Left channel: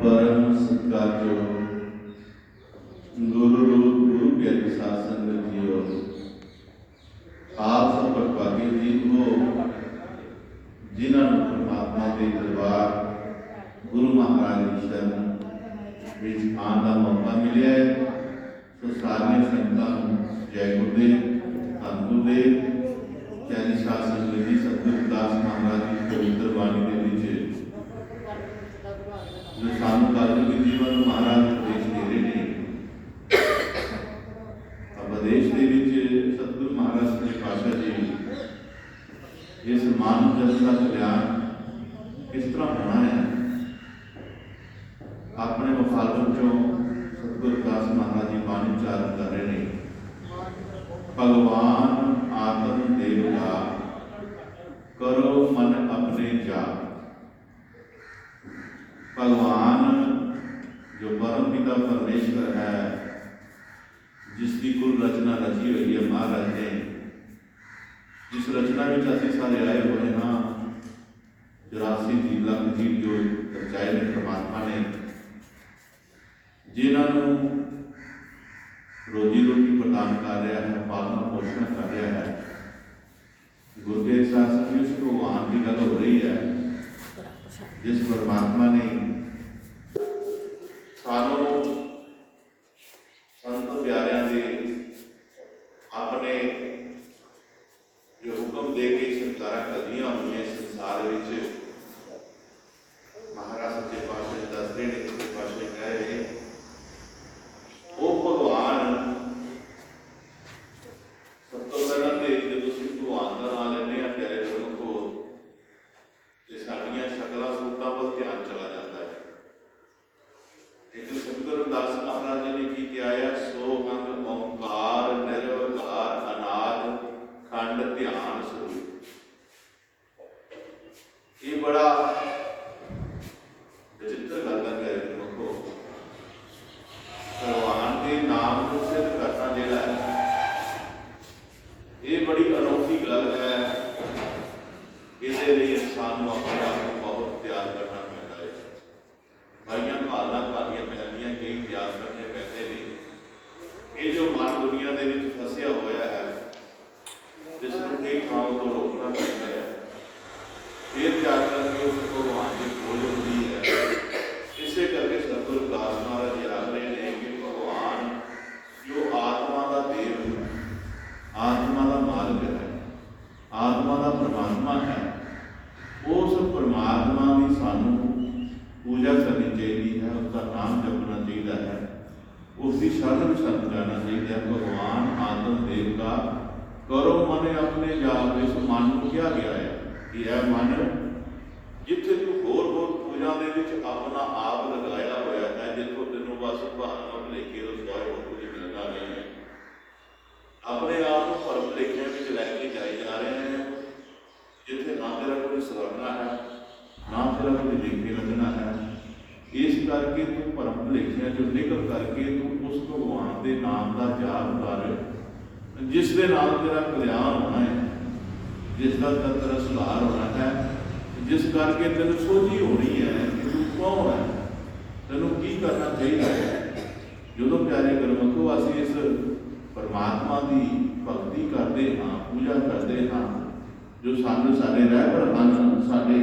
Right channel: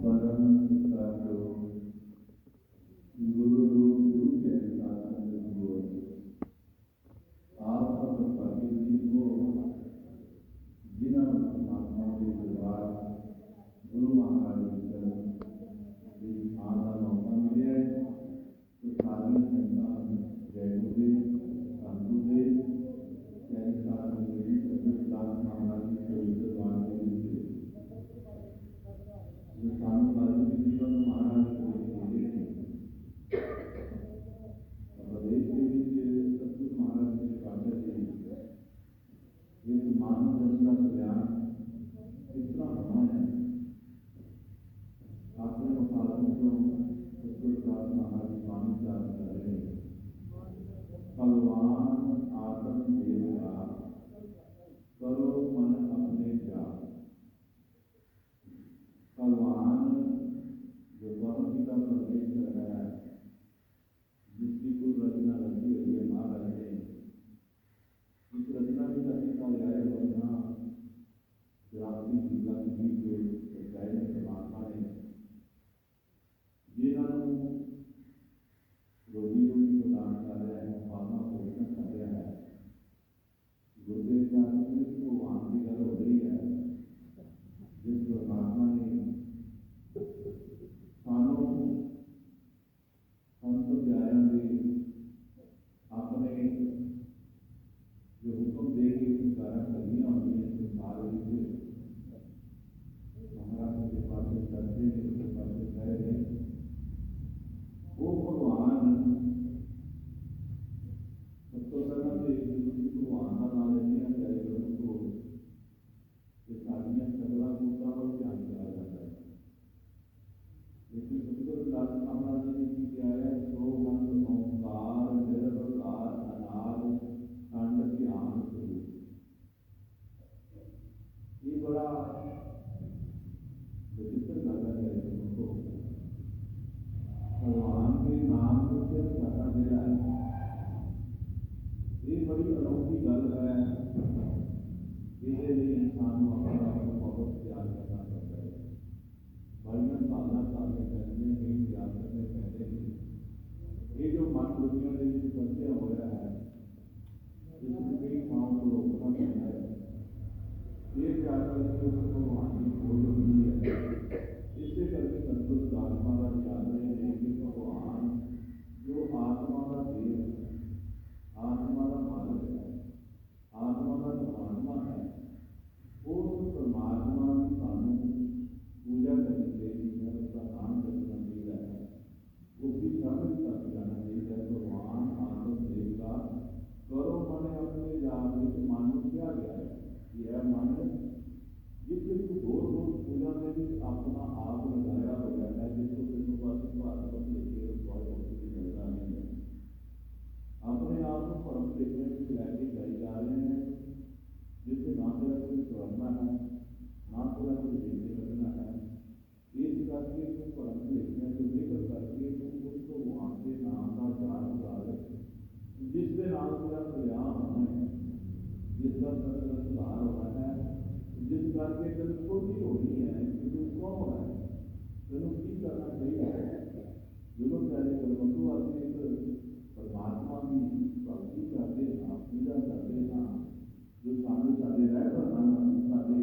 परम सत्कारयोग गुरु रूप गुरु प्यारी साध संगत जीओ, आप सब भागी जी हो जिन्होंने परमात्मा के दरबार गुरु महाराज की शरण विच आने का मौका मिले। तो सारिया संगतां जय गुरुदेव, धन गुरुदेव, प्यारी साध संगत जी, सतगुरु दास महाराज की पवित्र बाणी के विच जो सानू कलयुगी जीवन महाराज उपदेश दे रहे हैं। उपदेश के सतगुरु महाराज सच्चे पातशाह जी इस मानव जगत का कल्याण किस तरह होना है, अपने मुखालफों चों सतगुरु दास महाराज जी बाणी उच्चारण कर रहे हैं। भगवान आत्म देवता करो मन अपने जा। भगवान जो परम पिता परमेश्वर है, जिसकी कुल रचना रची हुई है महाराज ने, जिस रचना में असीं सारे आए हुए हाँ, 84 लाख जीव जो रचाए ने परमात्मा ने, जिन्होंने रोजी रोटी प्रदान कर रहा है, पालन पोषण कर रहा है। गुरु के शासन में उस भगवान की गल हो रही है, जिस परमात्मा ने सानू संत प्यारियां दे अपने जो हुक्म दे के सरकारां कदियां हुई संसार विच महाराज सच्चे पातशाह दसदे ने, सच्चे पातशाह कह रहे वो भगवान सब तो पहला तो जो तुसीं भगवान का नाम लेने प्यारे गुरमुखो ते साडियां शकलां सूरतां वल ध्यान चला जाता है। लेकिन सतगुरु दास महाराज जी ने की किया है, सोहंग ओंकार निर्विकार अनाद खंड ध्यान स्वरूप। ये बड़ा विचित्र गल है गुरमुखो, भगवान के नाम को सिद्ध करना जिहड़ा है ये बड़ी अनोखी गल है। इसके लिए इंसान को अपने आप को बहुत त्याग करना पैदा है। भाइयों भावना भालियां पैदियां कई त्याग करने पैदे ने। ये जो मन दुनिया के फसिया होया है, जिसको कई थावों को रोकना पैदा है, फिर जाकर के उस भगवान की खोज होती है। इसे करके सतगुरु दास महाराज जी आख रहे हैं कि भगवान जो आत्मा का देव, आत्मा का मालिक है, आत्मा का परमात्मा है, उस परमात्मा की सानू पूजा करनी चाहिए है, उसका नाम जपना चाहिए है, उसकी शरण शरण जाना चाहिए है। भगवान आत्म देव का करो मन अपने जाप। इस मन को किया गया है कि यह मन जिथे तू होर पूजा के अपना आप लगाया होया है, जितों तेनों बस भावना भुलेखे तो सिवाय होर कुछ मिलना नहीं है, अपने आप को भरम भुलेखे लैके जाए जा रहे हैं, जिथे ना तेरा कोई सवरना है, ना तेरा कोई लेखे लगना है। इस करके तू भरम भुलेखियां चो निकल करके तू उस भगवान के नाम का जाप कर, जिस दे नाल तेरा कल्याण होना है, जिसका तेरा सुधार होना है, जिस करके तेन सोझी होनी है कि तू कौन है, तेनों की करना चाहिए। जो प्यारे गुरमुखो असीं इस परमात्मा की भगती करते हाँ, पूजा करते हाँ, जो सानू साडे रहबर हैं, साडे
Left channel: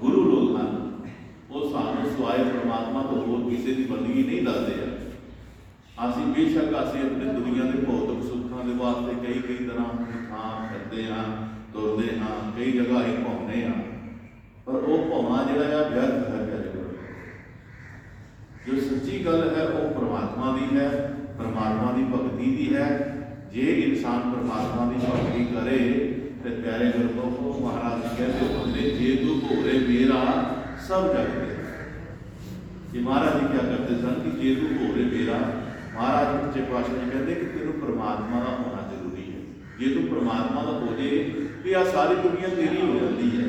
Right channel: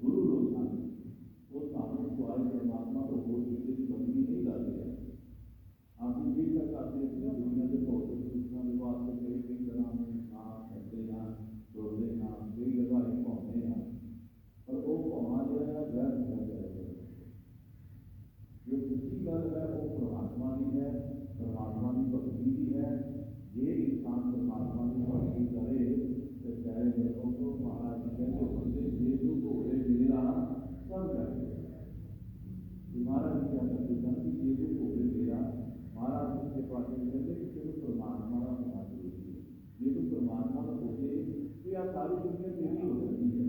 गुरु लोग सिवाय परमात्मा तो होर किसी की बंदगी नहीं दसते हैं। असी बेशक असी अपनी दुनिया के भौतिक सुखों के वास्ते कई कई तरह की थां फिरते हाँ, तुरते हाँ, कई जगह ही घूमते हाँ, पर वो घूमना जोड़ा व्यर्थ है। प्यारे जो सच्ची गल है वो परमात्मा की है, परमात्मा की भगती की है। जे इंसान परमात्मा की भगती करे तो प्यारे गुरु को महाराज कहते होंगे, जे तू भोरे मेरा सब जगते। कि महाराज जी क्या करते सन कि जे तू भोरे मेरा, महाराज सच्चे पातशाह जी कहते कि तेन परमात्मा का होना जरूरी है। जे तू परमात्मा का हो जाए तो यह सारी दुनिया तेरी हो जाती है।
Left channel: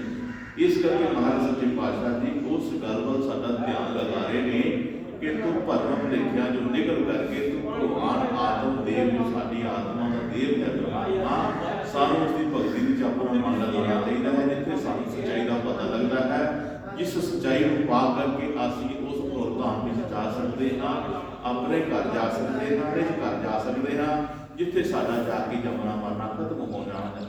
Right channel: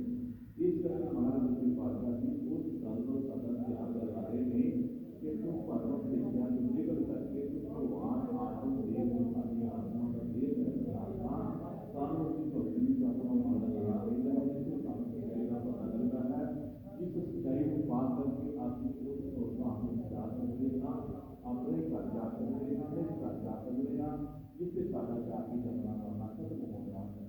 इस करके महाराज सच्चे पातशाह जी उस गल वाल साडा ध्यान लगा रहे हैं कि तू भरम भुलेखिया जो निकल करके तू भगवान आत्म देव जो साडी आत्मा का देव है परमात्मा, सानू उसकी भगती में अपना मन लगाना चाहिए है। जिथे सानू सच्चाई का पता लगता है, जिस सच्चाई को पा करके असी उस धाम में जा सकते हाँ, अपने घर जा सकते हैं, निज घर जा सकते हैं, जिथे साडा जाके जमना मरना खत्म हो जाता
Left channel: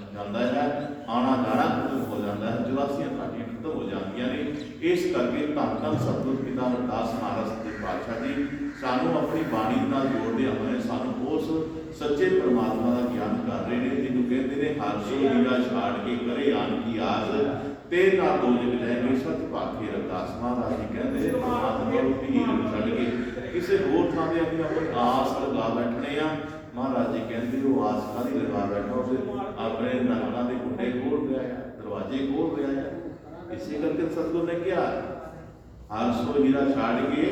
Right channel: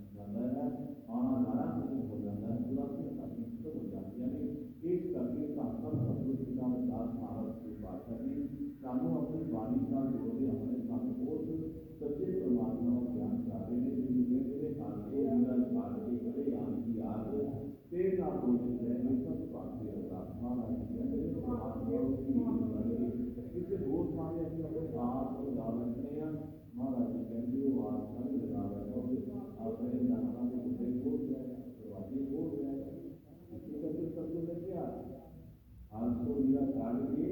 है, आना जाना खत्म हो जाता है, जुलासियां साडियां खत्म हो जाती ने। इस करके धन धन सतगुर पिता अरदास महाराज सच्चे पातशाह जी सानू अपनी बाणी नाल जोड़दे हुए सानू उस सच्चे परमात्मा का ज्ञान कर रहे हैं, जिन्हों कहते हैं हर सो हीरा छाड़ के करे आन की आस, ते ना दो जग जाएंगे सत भाखे। अरदास महाराज जी कहते हैं परमात्मा को हीर छड़ के किसी होर थां ते अपनी आस लगा बैठने आ। महाराज जी कहते वो आस काहदी लगा बैठो, अपने नरकां दे कुंडे खोल रहा है, दरवाजे खोल रहा है। इसी करके सतगुर ने क्या हर सो हीरा छाड़ के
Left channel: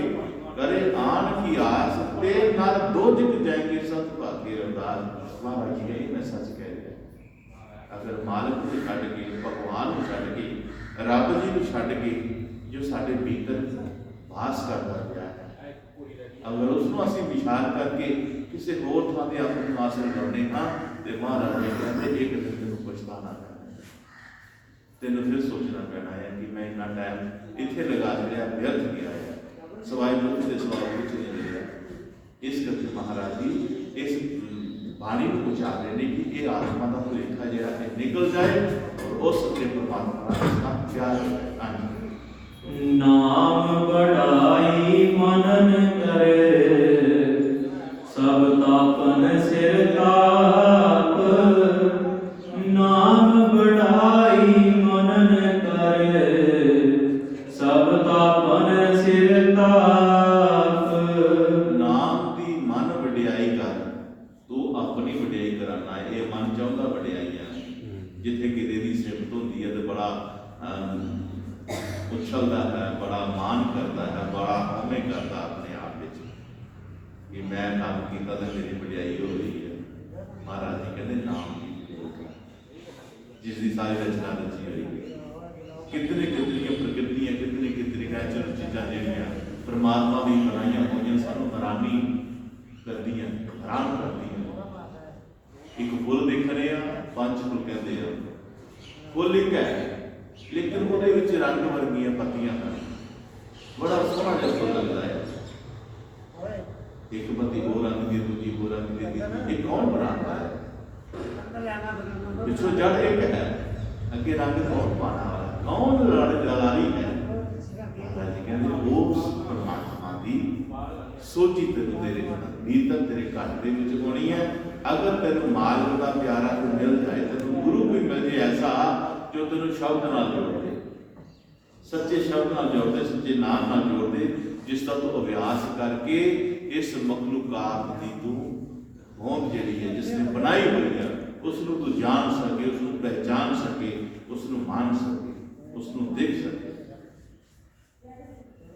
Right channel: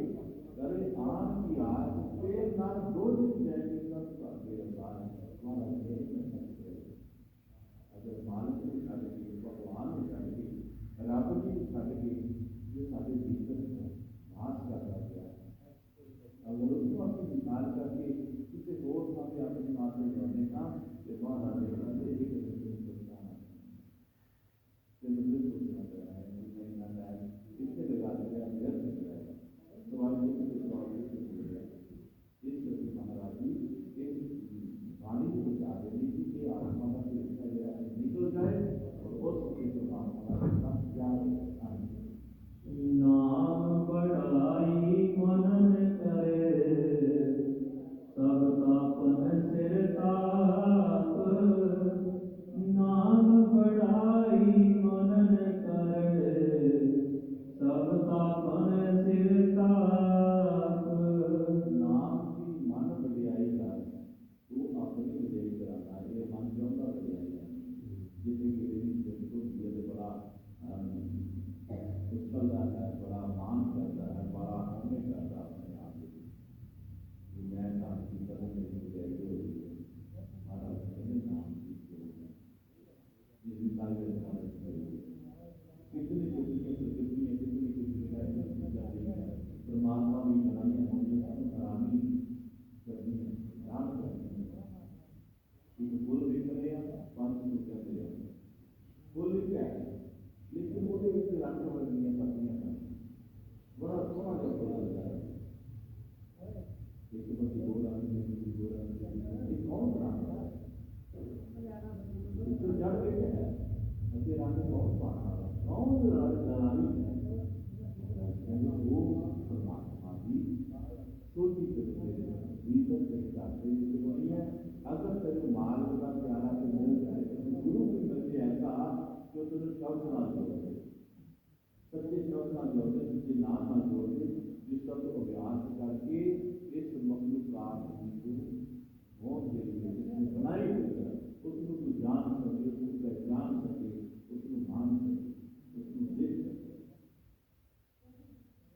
करे आन की आस, ते ना दो जग जाएंगे सत भाखे। अरदास महाराज जी यही मैं सच कह रहा। अगर मालिक को छड़ के, भगवान को छड़ के, रब जी को छड़ के जो साडे भीतर वास करता गया है, अगर उसको असीं विचार करके किसी होर थां ते अपनी आस लगाउने हाँ, तो महाराज जी कहते एक दिन तेनों पछताना पैना, तेनों फिर सोचना पैना है कि मैं इन्ना टाइम इत्थे लगा छड़िया, व्यर्थ गया है, सवाई मुख के सवाल कुछ नहीं मिलिया। इस करके महाराज जी इस बाणी को उचार रहे हैं कि ये आत्मा का भुलेखा जो है निकल जाए और उस सच्चे परमात्मा का साथ प्यार आने। नाम बढ़ाई मनन करे, सब तापन सिर ताप। नाम बढ़ाई मनन करे, सब तापन सिर ताप। नाम की मन वडियाई कर, तू अपनी वडियाई कराना है। ये मन चाहता वडियाई है, जिथे किसी की सिफत होती है तो बड़ा उछलता है, बड़ा मान करता है, बड़ा हमें करता अपने आप में कि मैं काम किया तो मेरी वडियाई हो रही है। महाराज जी कहते नाम की जिसकी सारी रचना रची हुई है, कितनी कितनी प्रकृतियां, कितनी कितनी नेचुरल चीज़ां जिहड़ियां परमात्मा की बनाईयां होईयां सानू हैरानी करदियां, हैरान करदियां। एक फुल देख रहे हैं, पंच फुल कहते हैं, फुल एक है लेकिन वो रंग वर्गियां पत्तियां हैं, बड़ा सोहना जिहा फुल लगता है। एक पत्ती हो रंग की, दूजी हो रंग की, ये कौन बनाता है? पिछों जड़ एक है, अगे रंग कौन पाना वाला, कौन लड़ारी है? कहते उस परमात्मा की सोची तेन तेरे भीतर तेरे घर के होनी है। अगर तेन मालिक का प्यारा को मिल जाए, तेन गुरु भी मिल जाए ऐसा जो तेन शब्द नाल जोड़ दे, सच्चे शब्द नाल जोड़ दे, सच्चे नाम नाल जोड़ दे, जिसका तू अभ्यास करके इस मखलूकात की तू होंद जिहड़ी है जिसने बनाई हुई है उसनू तू जान सके, उसनू पहचान सके, उसनू मान सके, उसनू देख सके।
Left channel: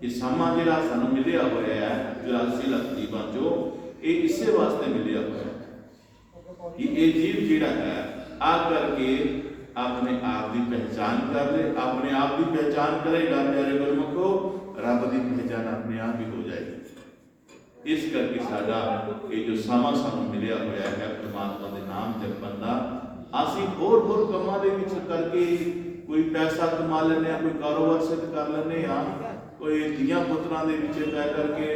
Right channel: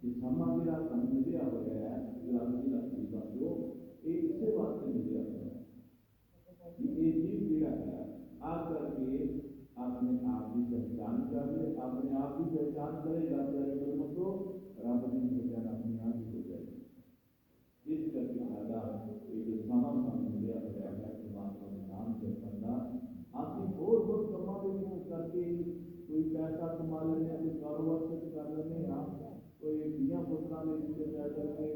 ये समा जिहड़ा सानू मिलिया होया है 84 लाख जीवां चों, ये इसे वास्ते मिलिया होया है कि ये जीव जिहड़ा है आ करके अपने आप की पहचान कर ले, अपने आप की पहचान करेगा प्यारे गुरमुखो, रब की पहचान अपने आप ही हो जाएगी। इस करके साडा ये जो समा सानू मिलिया होया है परमात्मा के नाम जपण दा, असीं होर होर कमां दे विच करके कोई पैसा कमा लैंदे, कोई कारोबार सिद्ध कर लैंदे आ, कोई धियां पुत्रां दे विच पै करके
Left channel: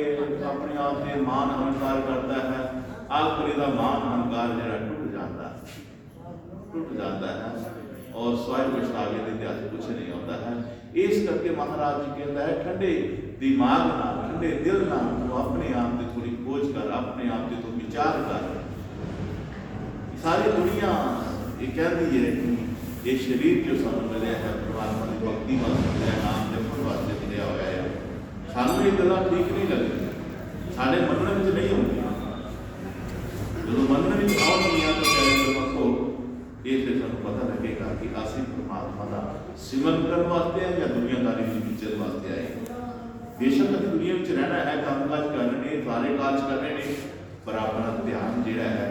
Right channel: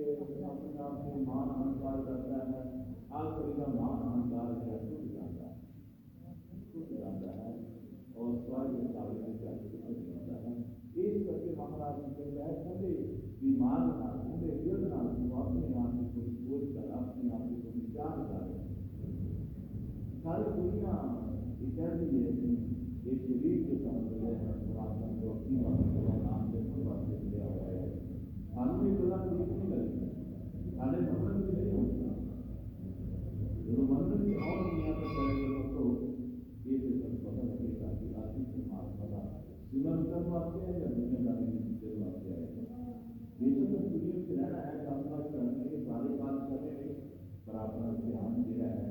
अपने आप से मान अहंकार करता है, आखिर दा मान अहंकार जिहड़ा टूट जाता है और स्वयं पछतावे के इतिहास कुछ नहीं होता है। इस करके महाराज जी कहता है ठंडे दिमाग नाल ठंडे दिल नाल तू अपने आप की थोड़ी खोज कर, अपने आप की तू विचार कर। सारी दुनिया ये कहती है कि ये शरीर जो सानू मिले है परमात्मा की भक्ति वास्ते मिले, नाम जपण वास्ते मिले हुआ है, सानू ये गल्लां ठीक नहीं लगती, साडे मनण विच नहीं होंदियां। जो मनण विच आउणगियां तो कहते मखो ये फिर सानू पता लगेगा कि असीं परमात्मा का सिमरन करने वास्ते हैं या दुनियादारी में विचरण वास्ते आए। बेशक असीं दुनिया में रहना है, काम काज करने, सारे काज करने ने, पर अपना ध्यान जिहड़ा है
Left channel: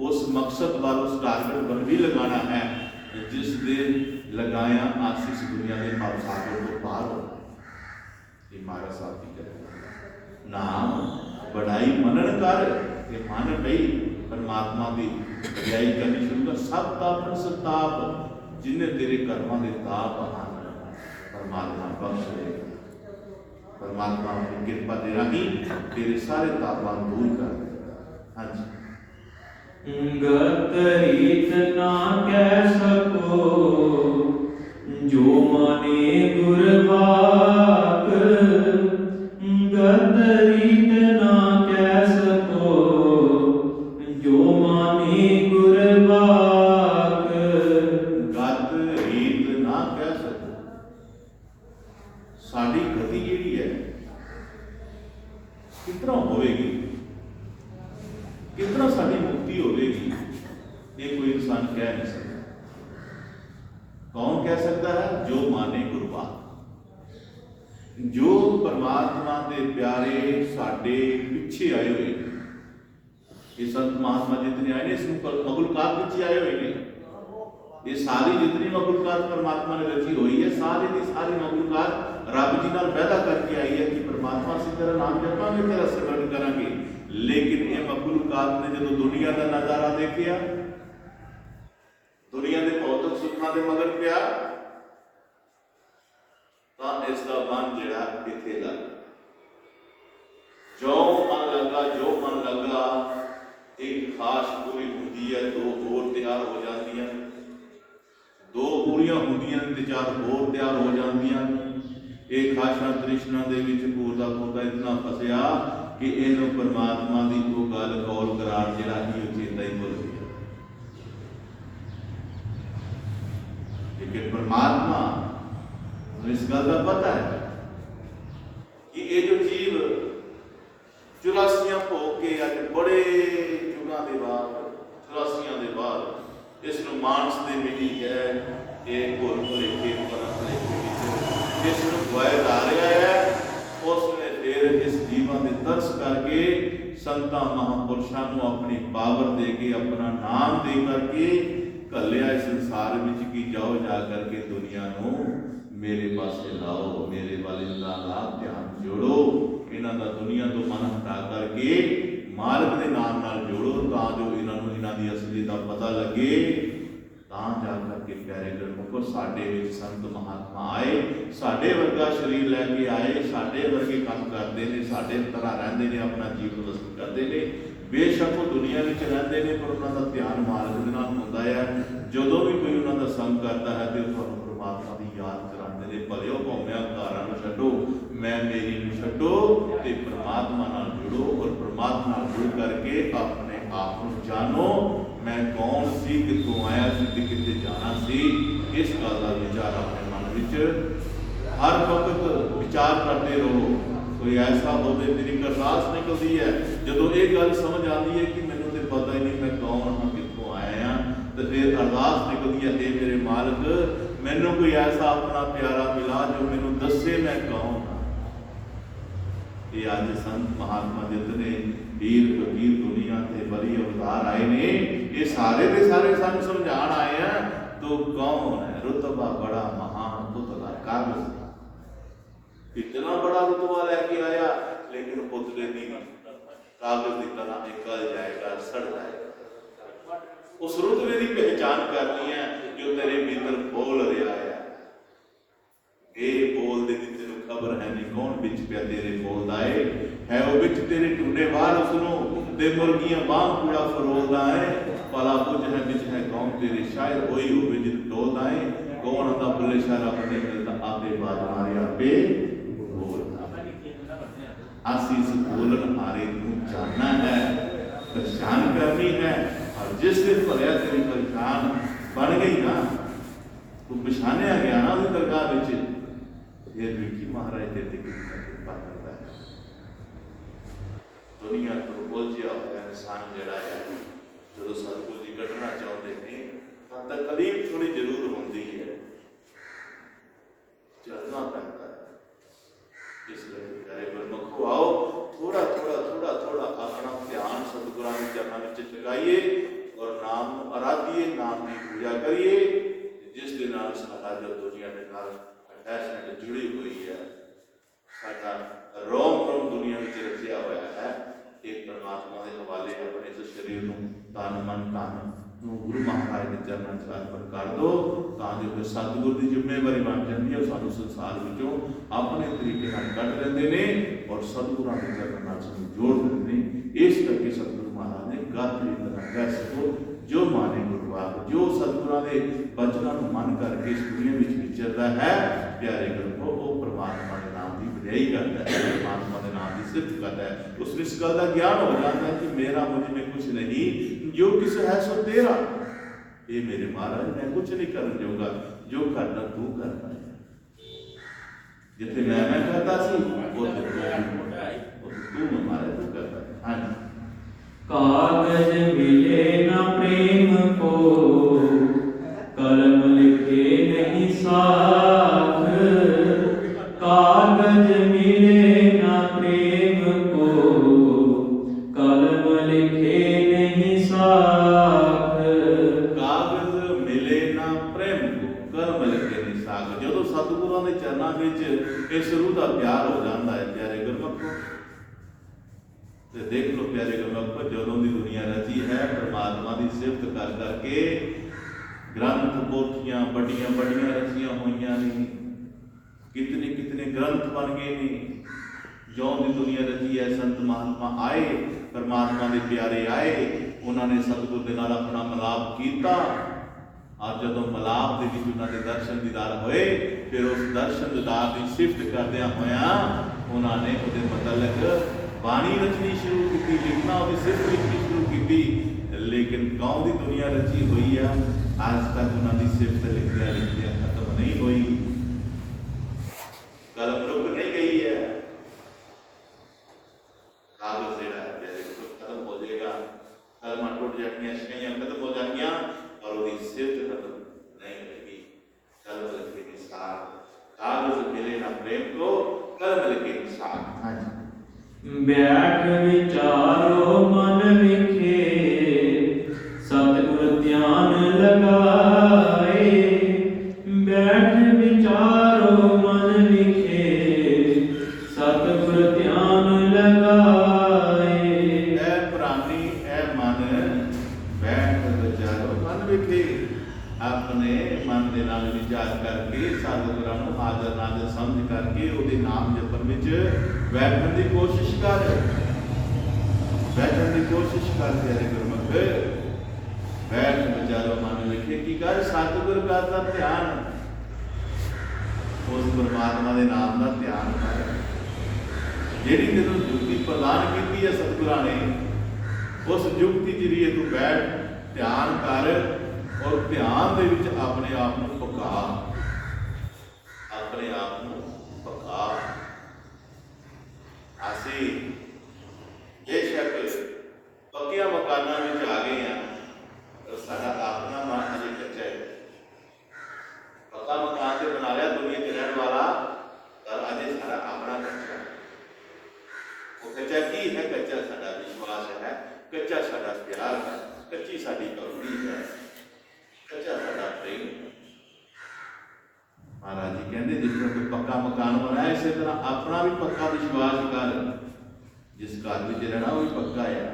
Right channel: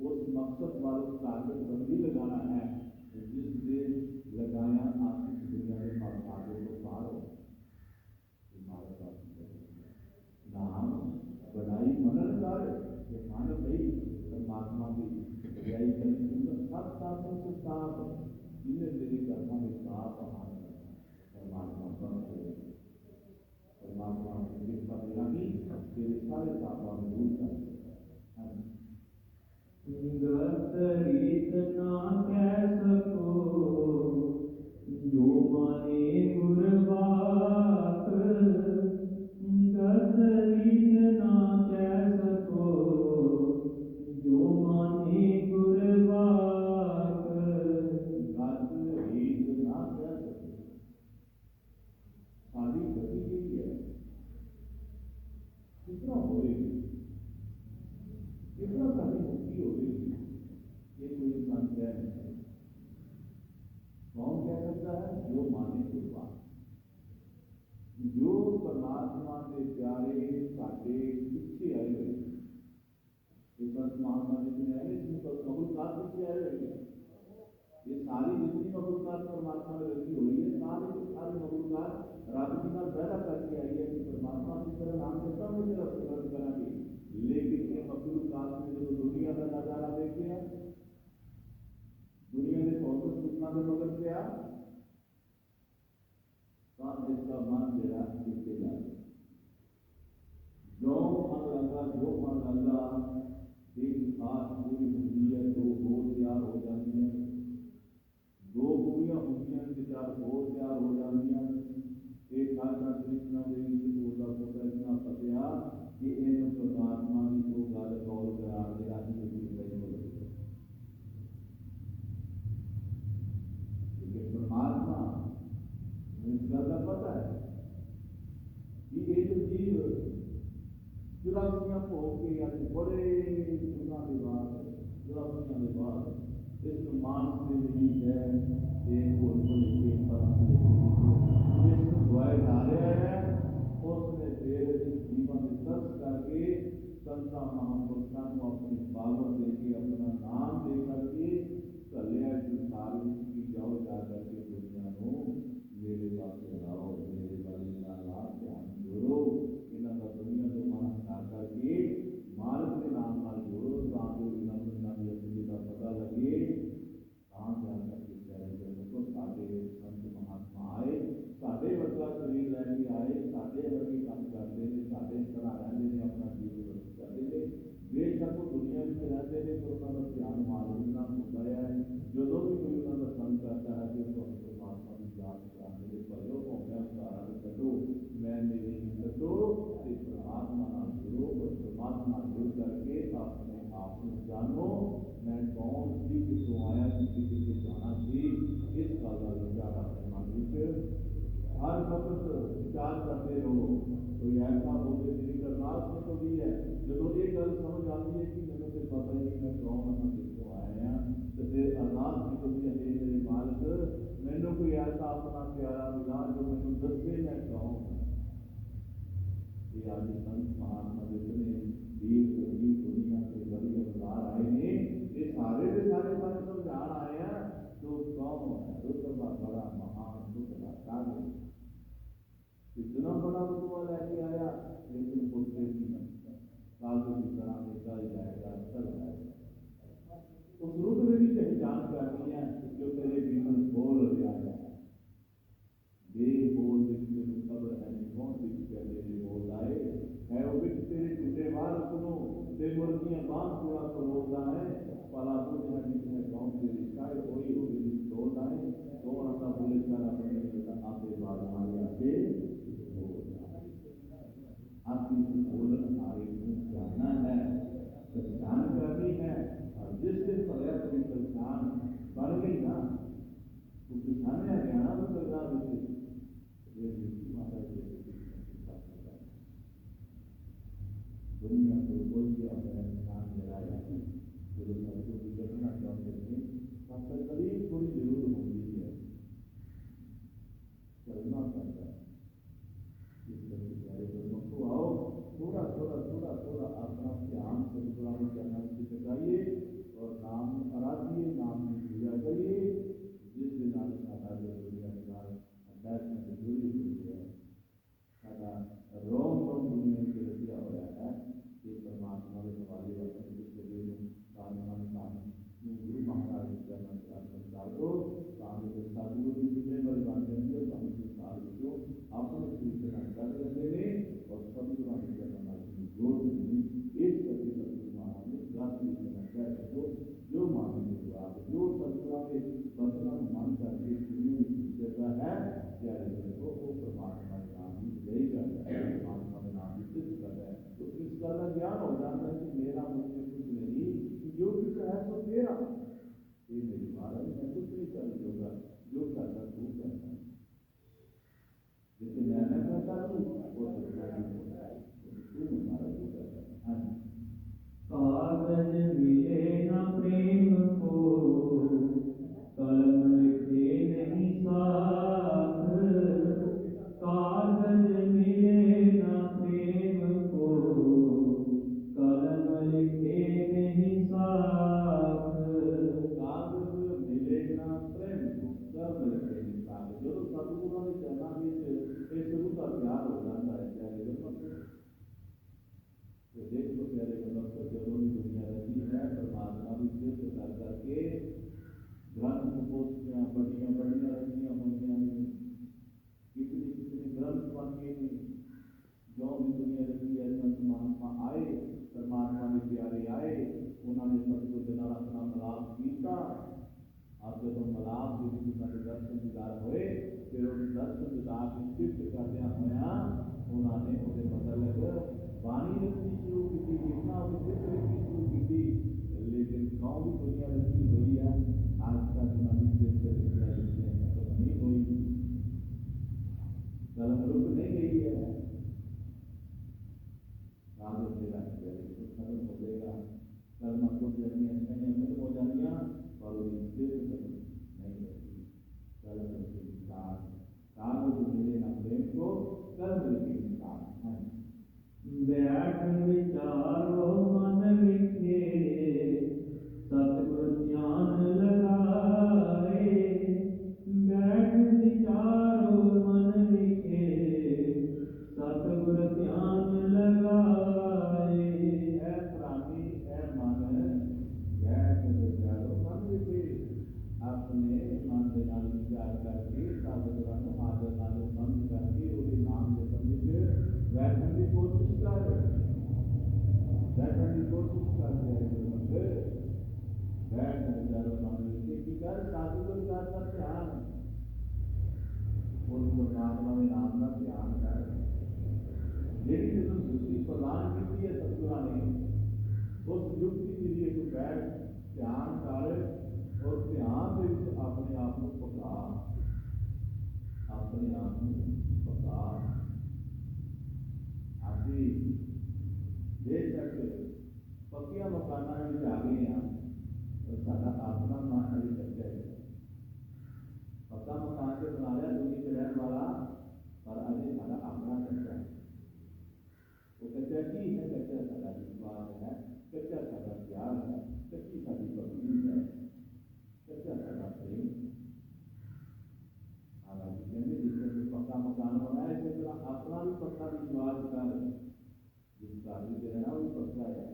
उस मकसद वाल, उस टारगेट पर भी लगाना है जिस दे लगाया आशीष दुनिया के भावसागर को पार हो। ये महाराज साहब की कहते नाम बढ़ाई मनन कर, ये मन पई परमात्मा की बड़ाई करनी शुरू कर। सब तापन सताप जिन्हें तेरे कर्मां दे ताप आन परमात्मा बख्श देगा, परमात्मा अपनी कृपा दे राही तेरे सारे तापां दूर कर देगा। हाँ जी। गत रीत ना कह सको जो माने गुरबाक, गत रीत ना कह सको जो माने गुरबाक। गत रीत ना कह सको, साडी गति जिहड़ी है कितना होवेगी, कितना साडी मुक्ति होवेगी, ये कोई इंसान कह नहीं सकता। कौन कह सकता है? जो माने गुरबात, जो परमात्मा के प्यारे साडे पिछे आए हुए, ये संत महात्मा जितने आए ने इस मखलूकात पिछे आए हुए ने, ये सारी जितनी मखलूकात परमात्मा ने रची हुई है, सारी की सारी मखलूकात रब जी नाल वादा करके आई है कि परमात्मा असीं तेरा नाम जपांगे, तेरा सिमरन करांगे। लेकिन ये मखलूकात ने जो दुनिया का नजारा देखिया, दुनिया के भौतिक सुखों के मगर पिया, तो इसका मन जिहड़ा इत्थे लग जो मन लगा, जो मन लगा, एक खास पूरी होती है, दो होर तैयार हो जाती, दो पूरियां होंदियां ते चार होर तैयार हो जांदियां। एक खाशा तृष्णा दे विच पूरदा पूरदा इतना फसिया कि इहनूं परमात्मा दी वो गल कौल करार जिहड़ा ही चेता ही भुल गया। लेकिन परमात्मा इस गल का पता है कि ये जो जीव 84 भोग के अज बड़े युगां दे बाद 84 दे बाद इसनूं मानस दे मिली है, ये घोर भुलेखे परम भुलेखे जिसनूं गवाया जा रहा है, उसने फिर इस जीवन में तरस करके संतां महापुरुषों को अपनी पावर दे के, अपना नाम दे करके घलिया इस संसार में कि जाओ जा करके दुनिया को मेरे पासे लाओ, मेरे वाले का लाभ ध्यान जोड़ो, इन्हां दा दुनिया तो मन हटा करके मालिक के नाम नाल जोड़ो, तां जो इन्होंने इन्हां दी असली का पता लगे, तां जा करके प्यारे गुरमुखो साडे विच संत महात्मा आए, साडे वर्गा शरीर लैके आए, साडे वर्गे काम करते हैं, साडे तरह रहते हैं, अपना जीवन व्यस्त करते हैं। बेशक वो दुनिया में रहते हैं पर उन्होंने ध्यान मालिक दे नाल हुंदा है। जदों भी कोई उन्होंने संग करता है तो तुहानूं परमात्मा की याद कराते हैं, भलिओ भौमिया घरां नूं छड्डो, मैं मेरी नूं छड्डो ते परमात्मा नाल जुड़ो, और परमात्मा नाल जुड़ करके अपने आप नूं जानो, मैं कौन सी, कित्थों आया सी ते कित्थे जाना सी। इस गल का विचार अपने मन विच हर वक्त विचार करते रहो। कोई ऐसा हो मेरी अरदास निकलती है जो ये गल समझ आती है कि मैनूं तो पता ही नहीं मैं कौन हाँ, कित्थों आया हाँ, तो फिर अरदास निकलती है, हे मेरे मालिक मैनूं कोई ऐसा अपना प्यारा मिला जो मैनूं दसे मैं कौन हाँ। ये अज संत महात्मा जितने वीर फकीर दुनिया के बड़ी अवतार आए ने, ये सारे के सारे सानूं समझाण आए हैं तो कौन है। रुतबा बड़ा महान पुतला कागज, इतना बड़ा रुतबा लेके आया लेकिन पुतले की कागज की तरह निकल जाएगा, सड़ जाएगा। उस रुतबे की पहचान करनी है जो तेरे भीतर बोल रहा है। ये बोल दे तेन खबर है नहीं कौन बिच पिया तेरे बोलदा है वो बिच तेरे टूडे बाहर उसनों दे मुर्गियां बांग पूरा फरोलदा है, भला कुछ है बिच है कौन तेरे शायद वही होवे जिन टोलदा है। कौन आंदा बुल्ले शाह रब नहीं मिलता आपे बाज मारे आपे बोल आसीस बोलन हारे तू जानना है पहचान करनी है। और जिस दिन भरिया तेरी पहचान बन गई ना तू पछानिया गया ना उस दरगाह फिर भी महाराज तेरे कृपा करता है। दुनिया तो उलझिया हुआ इंसान जड़ा है जो सतगुरु जी कढ़ना चाहते हैं तब तकलीफ थोड़ी जरूर होती है चलना पैदा है। इसलिए प्यारे गुरमुखो आओ थोड़ा थोड़ा थोड़ा थोड़ा अपना ध्यान सतगुरां के चरणों में लगाइए और नाम आराधिए नाम की पूजा करिए जिस दिन साडा जो दुनिया के नाल अटैचमेंट जुड़ी हुई है साडा रोम रोम दुनिया में रचिया हुआ है एक परमात्मा के हवाले अपने इस शरीर को तन मन धन गुरु महाराज के चरणों में अर्पण कर दो ताकि सतगुरु की जिम्मेवारी बन जाती है सानू संसार विचों अपने तरीके कढ़ लेंगे ने और सतगुरां के चरणों में जोड़ देंगे। इस करके सतगुरु महाराज ने गात्री तरह कह सको जो माने गुरवाक जो सतगुरां के बचनों को मन करके इस दुनिया में विचरता है प्यारे गुरमुखो वो परमात्मा के नाम की वड्याई करता है परमात्मा के नाम की सिफत करता है। उसमें इस गल का ज्ञान हो जाता है कि मेरा मुझ में कुछ नहीं जो किस है सो तेरा ये मेरे महाराज मैं कुछ नहीं करने दूंगा जो करना तू करना है जिथे मैं करता सी वो तू महाराज तू करता है। हाँ जी कागज मिले न प्रेम को कलम लिखे नहीं साथ कागज मिले न प्रेम को कलम लिखे नहीं साथ कागज मिले ना प्रेम को कलम लिखे नहीं साथ जो सतगुरां दे चरणों में इस रूह का प्यार हो जाता है प्यारे गुरमुखो तो देख लो प्यारे गुरमुखो जदों की दुनिया रची है परमात्मा की सिफत कर करके ग्रंथ पोथियां बड़िया बड़िया रचिया हुई ने कितने कितने ग्रंथ बन गए ने जो की दुनिया रची है संत महात्मा आए परमात्मा के प्यारे आए उन्होंने सतगुरु के नाल अपना मिलाप किया और जदों मिलाप के विच उन्होंने दर्शन दीदार होए फिर उस दर्शन दीदार की सिफत करदियां होया उन्होंने उसके मतलब बाणी रचनी शुरू की लिखना उसकी सिफत लिखनी शुरू की लेकिन कौन की दुनिया रची हुई है आज तक उन्होंने सिफत लिखदियां लिखदियां खत्म नहीं हुई कलम रुक नहीं गई है कागज जेड़ा है खत्म हो जाएगा कलमां टूट जाएंगियां शिकाइयां खत्म हो जाएंगियां और उसकी सिफत खत्म नहीं होगी। कलम लिखे निसार कागज मिले ना प्रेम को कलम लिखे निसार। हाँ जी बैठ विचारो मन विखे सतगुर ध्यान लगाए बैठ विचारो मन विखे सतगुर ध्यान लगाए ऐ प्राणी ऐ मन बैठ विचारो मन विखे अपने मन के नाल विचार करके सतगुरां नूं हाज़र नाज़र समझ करके उहदे नाम जपण विच बैठने की कोशिश कर बैठने की कोशिश कर प्यारे गुरमुख बैठ विचारो मन विखे की कर सतगुर का ध्यान उस परमात्मा के नाम का ध्यान कर जिहड़ी तेनों जुक्ति प्रदान की है सतगुरां ने उस जुक्ति जरिए तू बैठ ध्यान कर और ध्यान दे विच अपने आप को पका अपने आप को पका असी ये शक पक्किया मकाना में आ गए हैं तो सारा अपना मन अजे कच्चा है पक्का मकान से बना लिया दुनिया के रहने वाला पर अजे सारा अपना कच्चा है वो कच्चा की है कच्चा साडा विश्वास है कच्चा साडा प्यार है कच्ची साडी करुणी है कच्चा साडा प्रेम। महाराज जी कहते जिस तरह कोई पक्का मकान बनाया इसी तरह अपना भी पक्का विश्वास कर जिस घर में रहना वो भी पक्का है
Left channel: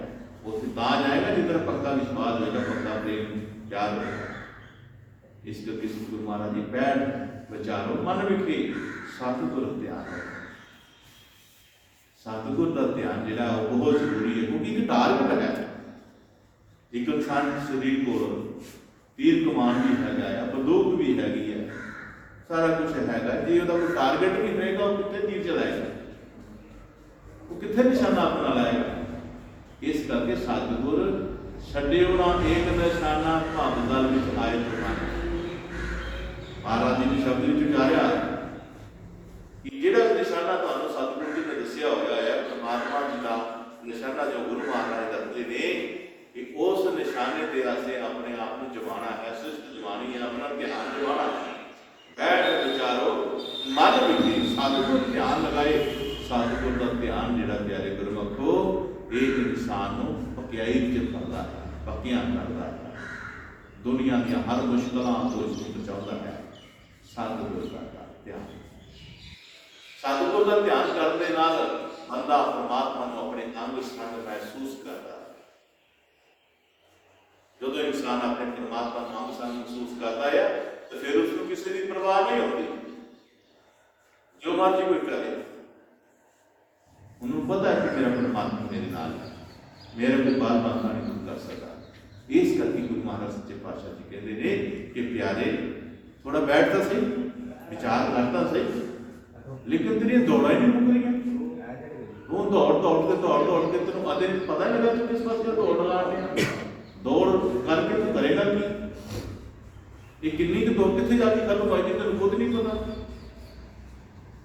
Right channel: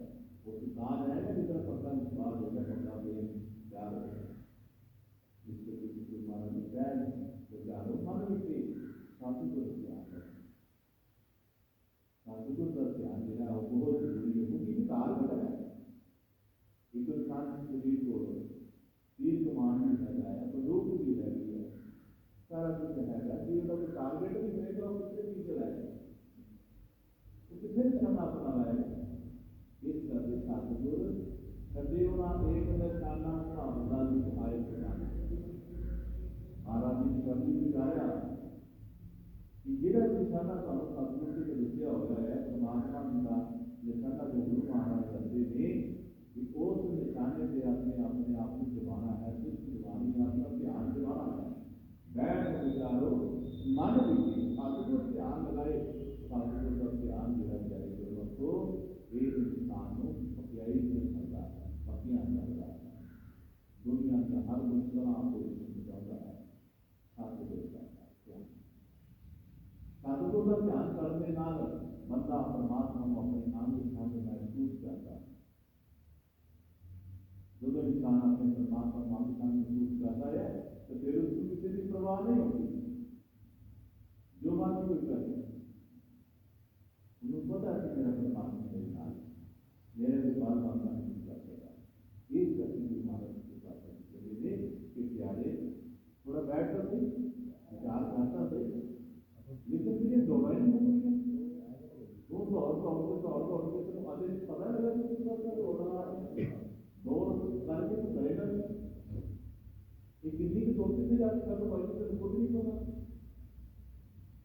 उसे ता जाएगा जिस तरह पक्का विश्वास होगा पक्का प्रेम प्यार होगा। इस करके सतगुरु महाराज जी बैठ विचारो मन विखे सतगुर ध्यान सतगुर का ध्यान जो बहुत जरूरी है क्योंकि एक टारगेट है एक इंसान शरीर को तीर कमान भी है बंदूक भी हैगी है ਸਾਰਾ ਕੁਝ ਹੈਗਾ। ਜੇ ਉਹਦਾ ਕੋਈ ਟਾਰਗੇਟ ਵੀ ਹੋਏਗਾ ਉਹ ਕਿੱਥੇ ਤੀਰ ਚਲਾਏਗਾ, ਉਹ ਕਿੱਥੇ ਨਿਸ਼ਾਨਾ ਆਪਣਾ ਲਾਏਗਾ। ਇਸ ਕਰਕੇ ਸਤਿਗੁਰ ਛੱਡਿਓ ਨਾ ਏਕ ਨਿਸ਼ਾਨਾ ਭਵ ਦਲ ਵਿੱਚ ਆਏ ਪ੍ਰਮਾਣ। ਮਹਾਰਾਜ ਜੀ ਨੇ ਸ਼ਬਦ ਵਿੱਚ ਉਚਾਰਿਆ ਕਿ ਜਿਹੜਾ ਨਿਸ਼ਾਨਾ ਤੁਹਾਨੂੰ ਸਤਿਗੁਰੂ ਜੀ ਨੇ ਦੱਸਿਆ ਹੋਇਆ ਹੈ, ਪਰਮਾਤਮਾ ਜੀ ਦਾ ਨਿਸ਼ਾਨਾ ਜੋ ਗੁਰੂ ਮਹਾਰਾਜ ਦੱਸਦੇ ਨੇ ਕਿ ਉਸ ਨਿਸ਼ਾਨੇ ਤੇ ਅਸੀਂ ਆਪਣੇ ਆਪ ਨੂੰ ਜਮਾਣਾ ਹੈ, ਸਿਸ਼ਟ ਜਮਾਣੀ ਹੈ, ਆਪਣਾ ਧਿਆਨ ਜਮਾਣਾ ਹੈ। ਬੈਠ ਵਿਚਾਰੋ ਮਨ ਵਿੱਚ ਸਤਿਗੁਰ ਧਿਆਨ ਲਗਾਏ। ਸਤਿਗੁਰ ਦਾ ਧਿਆਨ ਜਿਹੜਾ ਪਿਆਰੇ ਗੁਰਮੁਖੋ ਇਹ ਇਨਸਾਨ ਨੂੰ ਪਕਿਆਈ ਵਿੱਚ ਕਰਦਾ ਹੈ, ਪੱਕੀਆਂ ਕਰਦਾ ਹੈ, ਦੁਨੀਆ ਦੀਆਂ ਹਰ ਮੁਸ਼ਕਲਾਂ ਤੋਂ ਇਸ ਨੂੰ ਬਚਾਉਂਦਾ ਹੈ। ਸਤਿਗੁਰ ਦਾ ਧਿਆਨ, ਸਤਿਗੁਰ ਦਾ ਧਿਆਨ ਕਰਨ ਦੇ ਨਾਲ ਬੰਦਾ ਪਰਮਾਤਮਾ ਨੂੰ ਆਪਣੇ ਅੰਗ ਸੰਗ ਮਹਿਸੂਸ ਕਰਦਾ ਹੈ। ਜਦੋਂ ਇਨਸਾਨ ਆਪਣੇ ਪਰਮਾਤਮਾ ਨੂੰ ਅੰਗ ਸੰਗ ਮਹਿਸੂਸ ਕਰਦਾ ਹੈ ਤੇ ਫਿਰ ਉਸ ਨੂੰ ਕਿਸੇ ਦੀ ਪਰਵਾਹ ਨਹੀਂ ਹੁੰਦੀ, ਜੋ ਮਰਜ਼ੀ ਕੋਈ ਕਰੇ। ਉਹਨੂੰ ਪਤਾ ਹੈ ਕਿ ਮੇਰਾ ਪਰਮਾਤਮਾ ਮੇਰੇ ਨਾਲ ਹੈ, ਮੇਰੇ ਕੋਈ ਬਾਲ ਬਾਂਝਾ ਨਹੀਂ ਕਰ ਸਕਦਾ। ਇਸ ਕਰਕੇ ਗੁਰੂ ਮਹਾਰਾਜ ਸੱਚੇ ਪਾਤਸ਼ਾਹ ਜੀ ਕਹਿੰਦੇ ਨੇ ਕਿ ਪਿਆਰੇ ਥੋੜਾ ਬੈਠਦਾ ਸਹੀ, ਵਿਚਾਰ ਕਰਦਾ ਸਹੀ, ਲੇਕਿਨ ਤੇਰੀਆਂ ਦੌੜਾਂ ਹੀ ਨਹੀਂ ਮੁੱਕ ਰਹੀਆਂ। ਉਹ ਦੌੜ ਕੇ ਤੈਨੂੰ ਅਦੇ ਪਤਾ ਨਹੀਂ ਲੱਗਾ ਤੂੰ ਕਿਸ ਪਾਸੇ ਦੌੜ ਲਗਾ ਰਿਹਾ। ਦੌੜ ਕਰਕੇ ਤੂੰ ਕਰੇਗਾ ਕੀ? ਇਹ ਕਿੰਨੀ ਕੁ ਦੌੜ ਕਿੱਥੇ ਜਾ ਕੇ ਖਤਮ ਹੋਏਗੀ ਤੈਨੂੰ ਖੁਦ ਨਹੀਂ ਪਤਾ।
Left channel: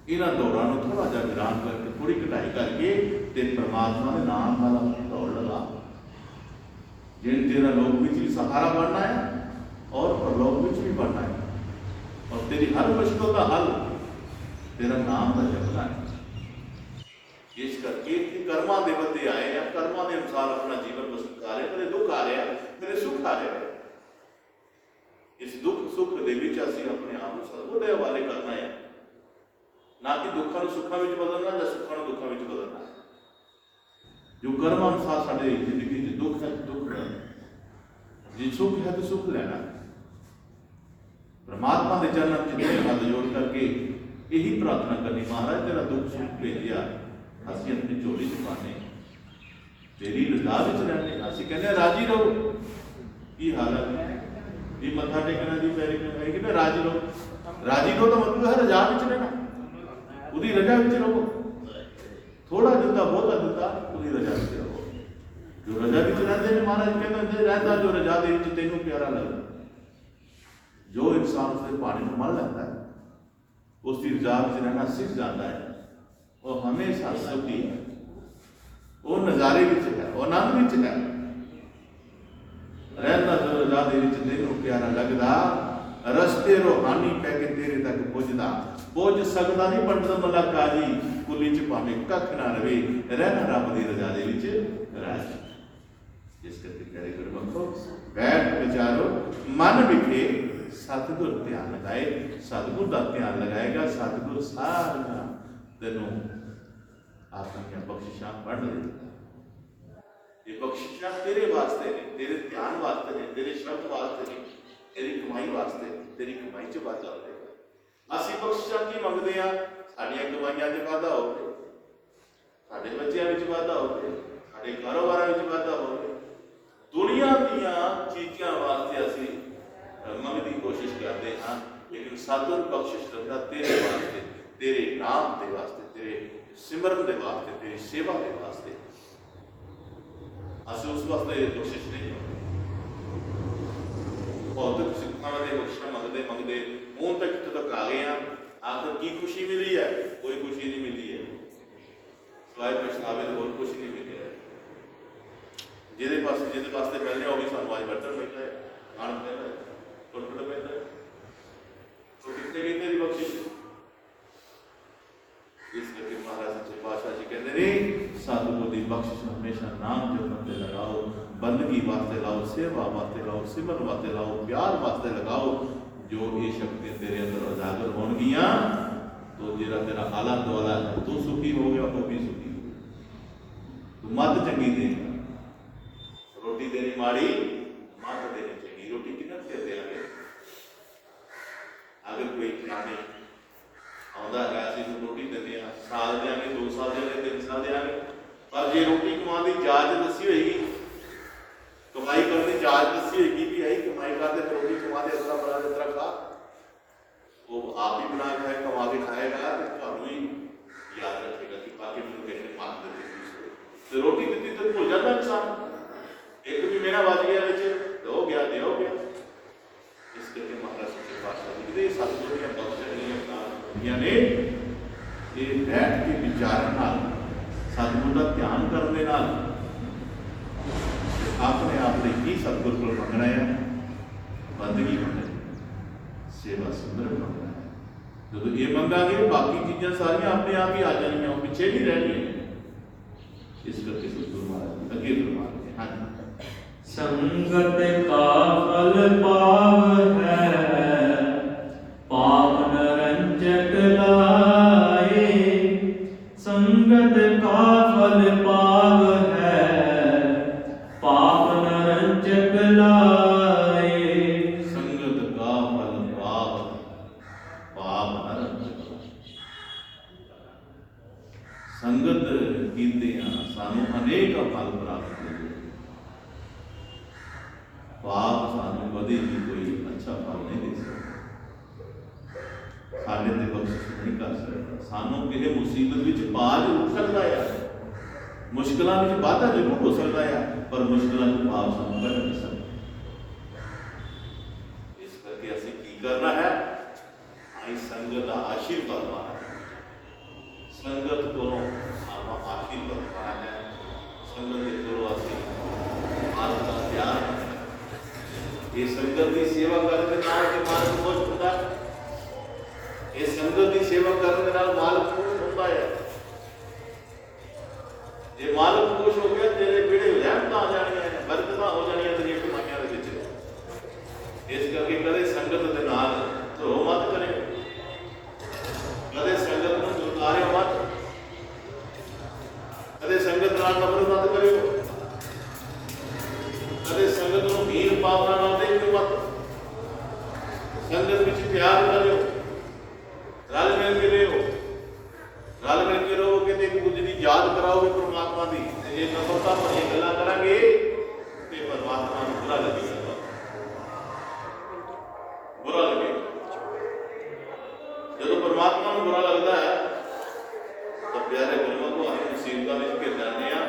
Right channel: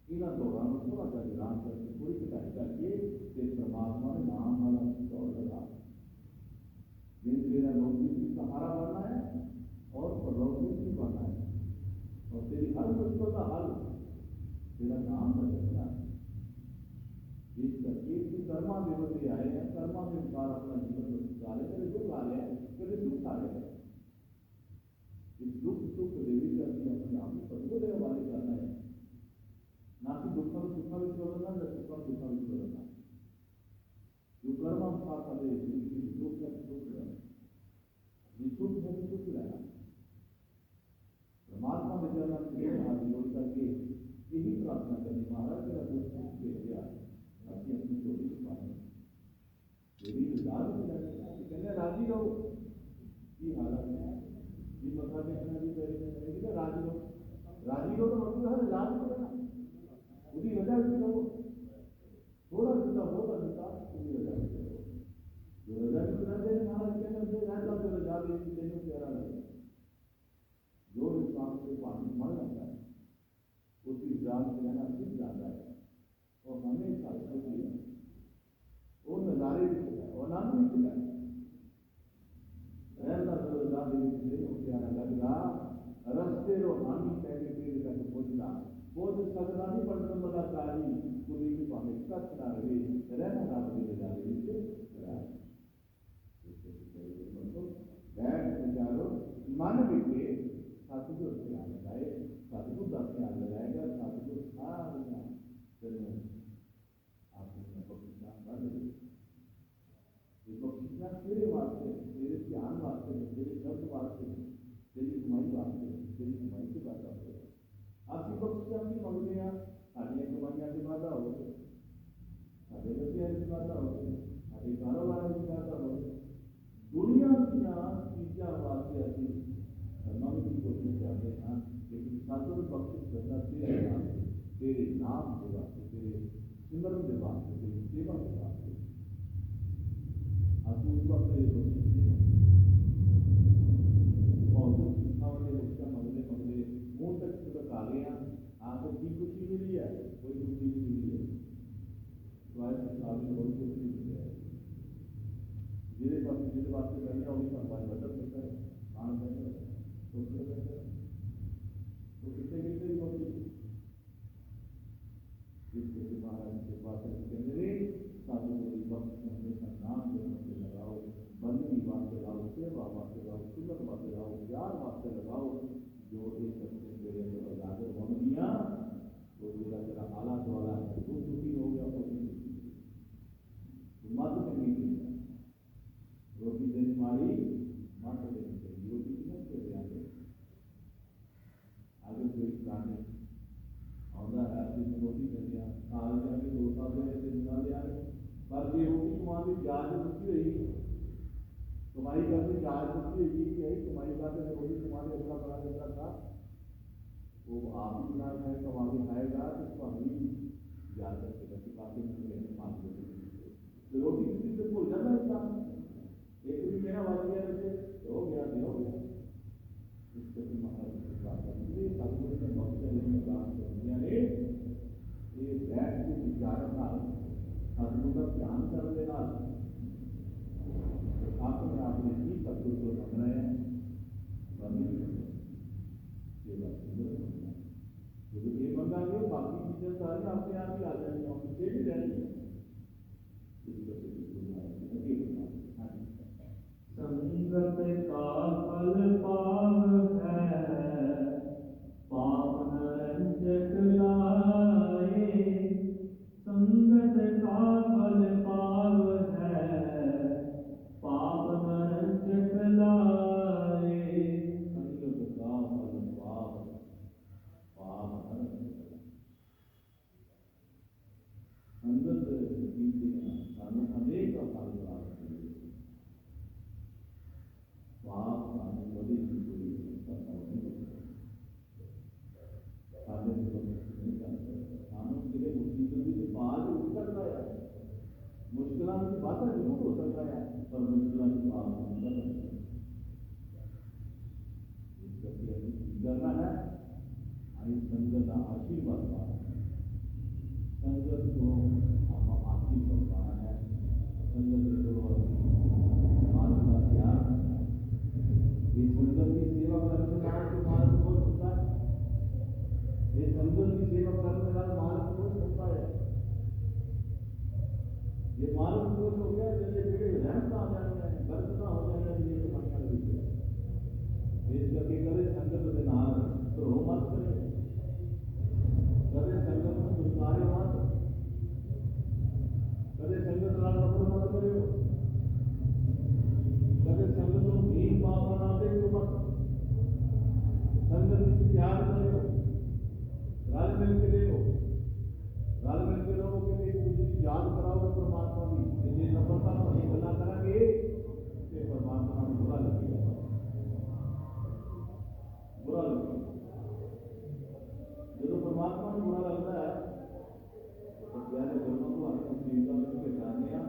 ਇਹਨਾਂ ਦੌੜਾਂ ਨੂੰ ਥੋੜਾ ਜਿਹਾ ਵਿਰਾਮ ਕਰਕੇ, ਥੋੜੀ ਘਟਾਈ ਕਰਕੇ ਤੇ ਪਰਮਾਤਮਾ ਦੇ ਨਾਮ ਨਾਲ ਆਪਣੀ ਦੌੜ ਲਗਾ। ਜਿਨ ਤੇਰਾ ਲੋਕ ਵਿੱਚ ਵੀ ਸਹਾਰਾ ਬਣਨਾ ਹੈ ਔਰ ਪਰਲੋਕ ਵਿੱਚ ਵੀ ਬਣਨਾ ਹੈ, ਔਰ ਤੇਰੀ ਹਰ ਮੁਸ਼ਕਲ ਦਾ ਹੱਲ ਤੇਰਾ ਨਾਮ ਦਾ ਜਪਣਾ ਹੈ। ਇਸ ਕਰਕੇ ਕਰਮਾਂ ਦੇ ਬੰਦੇ ਆਏ ਆ, ਕਰਮਾਂ ਦੇ ਅਨੁਸਾਰ ਆਪਣਾ ਜੀਵਨ ਬਸਰ ਕਰ ਰਹੇ। ਕਦੇ ਦੁੱਖ ਆ ਰਿਹਾ, ਕਦੇ ਸੁੱਖ ਆ ਰਿਹਾ। ਇਸ ਦੁੱਖ ਸੁੱਖ ਦੇ ਵਿੱਚ ਅਸੀਂ ਆਪਣੇ ਆਪ ਨੂੰ ਸਤਿਗੁਰ ਦੇ ਹਵਾਲੇ ਕਰਨਾ ਹੈ, ਨਾ ਕਿ ਦੁੱਖਾਂ ਨੂੰ ਸੁੱਖਾਂ ਵਿੱਚ ਬਦਲਣਾ ਜਾਂ ਸੁੱਖਾਂ ਨੂੰ ਦੁੱਖਾਂ ਵਿੱਚ ਬਦਲਣਾ। ਜੋ ਕਰਮ ਅਨੁਸਾਰ ਸਾਡੇ ਜ਼ਿੰਦਗੀ 'ਚ ਦੁੱਖ ਹੈ ਦੁੱਖ ਲੈਣਾ, ਜੇ ਸੁੱਖ ਹੈ ਤਾਂ ਸੁੱਖ ਲੈਣਾ। ਪਰਮਾਤਮਾ ਦੇ ਚਰਨਾਂ 'ਚ ਹੱਥ ਜੋੜ ਕਰਕੇ ਇਹੀ ਪ੍ਰਾਰਥਨਾ ਕਰਨੀ, ਮਹਾਰਾਜ ਤੇਰਾ ਦੁੱਖ ਸੁੱਖ ਭੇਜਿਆ, ਅਸੀਂ ਆਪਣੀ ਝੋਲੀ 'ਚ ਪਾਉਂਦੇ, ਤੇਰੀ ਰਜ਼ਾ ਵਿੱਚ ਰਹਿੰਦੇ। ਅਸੀਂ ਕਹਿੰਦੇ ਰਾਜੀ ਰਹੋ। ਕੀ ਹਾਲਤ ਹੈ ਜੀ, ਮੱਥਾ ਟੇਕਣਾ ਦੀ ਪੈਰੀ ਹੈ ਕਿ ਮੈਂ ਰਾਜੀ ਰਹੋ। ਰਾਜੀ ਰਹੋ ਤਾਂ ਮਤਲਬ ਹੈ ਰਜ਼ਾ ਵਿੱਚ ਰਹਿਣਾ, ਉਹਦੀ ਰਜ਼ਾ ਵਿੱਚ ਰਹੋ। ਥੋੜਾ ਦਿੱਤਾ ਬਹੁਤਾ ਦਿੱਤਾ, ਉਹਦੀ ਰਜ਼ਾ ਵਿੱਚ ਰਹੋ। ਜੋ ਰਜ਼ਾ ਵਿੱਚ ਰਹਿੰਦੇ ਨੇ, ਮਹਾਰਾਜ ਕਹਿੰਦੇ ਰਹਿੰਦਾ ਜੋ ਰਜ਼ਾ ਦੇ ਵਿੱਚ ਤੈਨੂੰ ਪਿਆਰਾ ਲੱਗਦਾ। ਜੋ ਇਨਸਾਨ ਉਸਦੇ ਪਾਣੀ ਨੂੰ ਮੰਨ ਲੈਂਦਾ ਹੈ, ਉਸ ਦੀ ਰਜ਼ਾ ਵਿੱਚ ਰਹਿਣਾ ਸਿੱਖ ਜਾਂਦਾ ਹੈ। ਉਹ ਹਮੇਸ਼ਾ ਸੁਖੀ ਹੈ, ਉਹ ਨਜ਼ਾਰੇ ਵਿੱਚ ਹੈ, ਉਹ ਆਨੰਦ ਵਿੱਚ ਹੈ। ਰਹਿੰਦਾ ਜੋ ਰਜ਼ਾ ਦੇ ਵਿੱਚ ਤੈਨੂੰ ਪਿਆਰਾ ਲੱਗਦਾ, ਰਸਤੇ ਰੋਹਾਨੀ ਪੈ ਕੇ ਤੇਰੇ ਤੱਕ ਪੁੱਜ ਸਕਦਾ ਨਹੀਂ। ਪੰਡਤ ਮੱਲਾ ਕਾਜੀ ਕੁਲੀ ਚ ਭਾਵੇਂ ਕੱਖ ਨਾ ਰਵੇ, ਰਹਿਣਾ ਰੱਬ ਦੀ ਰਜ਼ਾ ਦੇ ਵਿੱਚ ਰਾਜੀ। ਜਿਸ ਕਰਕੇ ਪਿਆਰੇ ਗੁਰਮੁਖੋ ਬੈਠ ਵਿਚਾਰੋ, ਮਨ ਵਿਖੇ ਸਤਿਗੁਰ ਧਿਆਨ ਲਗਾਏ। ਸਤਿਗੁਰ ਦਾ ਧਿਆਨ ਲਗਾਏਗਾ, ਸਤਿਗੁਰ ਸਾਰਾ ਤੈਨੂੰ ਆਪਣੀਆਂ ਬਖਸ਼ਿਸ਼ਾਂ ਵੰਡ ਦੇਵੇਗਾ। ਇਹ ਬਖਸ਼ਿਸ਼ਾਂ ਤੇਰੇ ਵਾਸਤੇ ਨੇ, ਤੇਰੇ ਧਿਆਨ ਵਾਸਤੇ ਨੇ, ਤੇਰੇ ਸ਼ਬਦ ਵਾਸਤੇ ਨੇ, ਤੇਰੀ ਕਮਾਈ ਵਾਸਤੇ, ਤੇਰੀ ਕਮਾਈ 'ਚ ਵਾਧਾ ਹੋਵੇਗਾ। ਅਸੀਂ ਬਖਸ਼ਿਸ਼ਾਂ ਕੀ ਮੰਗਦੇ ਹਾਂ? ਸਾਡੀਆਂ ਕਮਾਈਆਂ 'ਚ ਵਾਧਾ ਹੋਵੇ, ਸਾਡੇ ਬੱਚਿਆਂ ਵਿੱਚ ਵਾਧਾ ਹੋਵੇ, ਸਾਡੇ ਕਾਰੋਬਾਰਾਂ ਵਿੱਚ ਵਾਧਾ ਹੋਵੇ। ਦੁਨੀਆ ਦੀਆਂ ਚੀਜ਼ਾਂ ਵਾਸਤੇ ਅਸੀਂ ਮੰਗਣ ਦੀ ਕੋਸ਼ਿਸ਼ ਕਰਦੇ ਹਾਂ, ਲੇਕਿਨ ਸਤਿਗੁਰ ਬਖਸ਼ਿਸ਼ ਰੱਖਦਾ ਤੇਰੇ ਵਾਸਤੇ, ਤੇਰੇ ਨਾਮ ਦੇ ਵਾਸਤੇ, ਤੇਰੇ ਸਿਮਰਨ ਦੇ ਵਾਸਤੇ, ਤੇਰੀ ਸੇਵਾ ਦੇ ਵਾਸਤੇ। ਅਸੀਂ ਉਸ ਵਾਸਤੇ ਬਖਸ਼ਿਸ਼ ਨਹੀਂ ਮੰਗਦੇ। ਭੌਤਿਕ ਸਿੱਖਾਂ ਦੇ ਬਖਸ਼ਿਸ਼ਾਂ ਮੰਗਦੇ ਹੁਣ ਤੱਕ ਕਿੱਥੇ ਤੱਕ ਆ ਗਏ ਹਾਂ। ਆਖਰ ਕੀ ਖੁਸ਼ੀ ਮਿਲੀ ਹੈ? ਕੋਈ ਖੁਸ਼ੀ ਨਹੀਂ ਮਿਲੀ ਹੈ, ਸਿਵਾਏ ਪਛਤਾਵੇ ਤੋਂ ਹੋਰ ਕੁਛ ਨਹੀਂ ਮਿਲਿਆ। ਜਿਹਦੇ ਵਾਸਤੇ ਮਿਲਦੇ ਉਹ ਵੀ ਸਾਨੂੰ ਅੱਜ ਵਰਤਣ ਪੈਂਦਾ ਹੈ, ਖਾਣ ਪੈਂਦਾ ਹੈ, ਟੁੱਟਣ ਪੈਂਦਾ ਹੈ। ਤੋ ਕਿੱਥੇ ਗਈ ਤੇਰੀ ਬਖਸ਼ਿਸ਼? ਇਸ ਕਰਕੇ ਮਹਾਰਾਜ ਸੱਚੇ ਪਾਤਸ਼ਾਹ ਜੀ ਕਹਿੰਦੇ ਨੇ ਸਤਿਗੁਰ ਦੀ ਬਖਸ਼ਿਸ਼ ਹਮੇਸ਼ਾ ਨਾਮ ਜਪਣ ਤੇ ਲਗਾਓ, ਬੰਦਗੀ ਵਾਸਤੇ ਲਾਓ, ਸੇਵਾ ਵਾਸਤੇ ਲਾਓ, ਸਿਮਰਨ ਵਾਸਤੇ ਲਾਓ, ਪਿਆਰ ਵਾਸਤੇ ਲਗਾਓ। ਜੋ ਇਹ ਸ਼ਕਤੀਆਂ ਤੇਰੇ ਅੰਦਰ ਉਜਾਗਰ ਹੋਣਗੀਆਂ ਤੋ ਜਿਹੜਾ ਤੇਰਾ ਆਲਾ ਦੁਆਲਾ ਹੈ ਤੂੰ ਸੁਖੀ ਹੋ ਗਿਆ, ਉਹ ਵੀ ਸੁਖੀ ਹੋ ਗਿਆ। ਤੂੰ ਮੱਤ ਚੰਗੀ ਦੇ, ਰੋਟੀ ਦੇਣੀ ਮਾੜੀ, ਮੱਤ ਦੇਣੀ ਚੰਗੀ। ਰੋਟੀ ਕਿੰਨਾ ਚਿਰ ਦੇਵਾਂਗੇ? ਅਗਰ ਕੋਈ ਖਾਣੇ ਆਉਂਦਾ ਹੈ ਅਸੀਂ ਰੋਟੀ ਦਿੰਦੇ ਹਾਂ, ਸਾਲ ਦਿਆਂਗੇ, 2 ਸਾਲ ਦਿਆਂਗੇ, 3 ਸਾਲ ਦਿਆਂਗੇ। ਪਰ ਜੇ ਰੋਟੀ ਕਮਾਉਣ ਦੀ ਜਾਚ ਦੱਸੀ ਹੋਏਗੀ, ਕਮਾਈ ਕਰਨ ਦੀ ਜਾਚ ਦੱਸੀ ਹੋਏਗੀ ਵੀ ਆਹੀ ਕਮਾਈ ਕਰਦੇ, ਫਿਰ ਰੋਟੀ ਕਮਾਦੇ ਇਸ ਤਰ੍ਹਾਂ ਬਣਾ ਇਸ ਤਰ੍ਹਾਂ ਖਾ, वो आप ही बना खाए, कमा के खाएगा तो ਤੁਹਾਨੂੰ ही याद रखेगा कि बाकी मैंने कहने मार देते तो रोटी दी तो भूल जाता इंसान। एक भी मेरा बच गया बिच हो गया दे हो गया। इस करके महाराज सच्चे पातशाह जी कहते सतगुर दी बख्शणियां होंदियां ने ये बैठ के विचारन नाल सतगुर का ध्यान करने नाल अपने आप ने की सतगुर को मंगना है, बंदगी मंगना है, सेवा सुंदर मंगना है। जो ये मंगांगे बाकी चीज़ें सारियां अपने आप ही आ जाएंगी, पीछे नहीं रहनी। इस करके सतगुरु महाराज अगे फरमाते हैं, हाँ संगत का फल पाव है, पाप नरंजक लाए। संगत का फल पाव है, पाप नरंजक लाए। संगत का फल पाप पाप नरंजक लाए। संगत कीते सानू अनेक फल प्राप्त होते, पाप सानू कभी भी कोई अच्छा फल नहीं दे सकता, साढ़े ते बख्शिश नहीं कर सकता। सानू किसी मुसीबत विच पा जरूर सकता है, मुश्किलों में वाधा जरूर हो सकता है, पर मुश्किलों में पाप सानू कढ़ नहीं सकता। इस करके असीं की करना है, आई संगत का आशीर्वाद पाना है। संगत को आवा आशीर्वाद पाना है, संगत के गुरु असीं मार्ग का ध्यान रखना है। ये संगत की सेवा करने नाल के मार्ग खुश होता है, ये संगत की सेवा करने नाल मालिक खुश होता है। जे मालिक खुश हो गया तेरे बेड़े रहमत आ जानियां, बरकत हो जानियां तेरी कमाइयां दे विच। इस करके कदे संगत दे नाल धरो मत करे, कदे संगत नूं दुरकारियो मत, कदे संगत नाल नफरत मत करियो, कदे संगत नूं हीन भावना नाल देखियो मत। संगत विच प्यार करियो, रल मिल के रहो, रल मिल के रहो कि एक दूजे की याद कराओगे परमात्मा की। जे नफरतां भरियां गल्लां करांगे तो परमात्मा नूं बुरा लगेगा, बुरा लगेगा। जब परमात्मा नूं बुरा लगता है तो प्यारे गुरुओं को हम मुसीबतां विच घिर जाते हैं।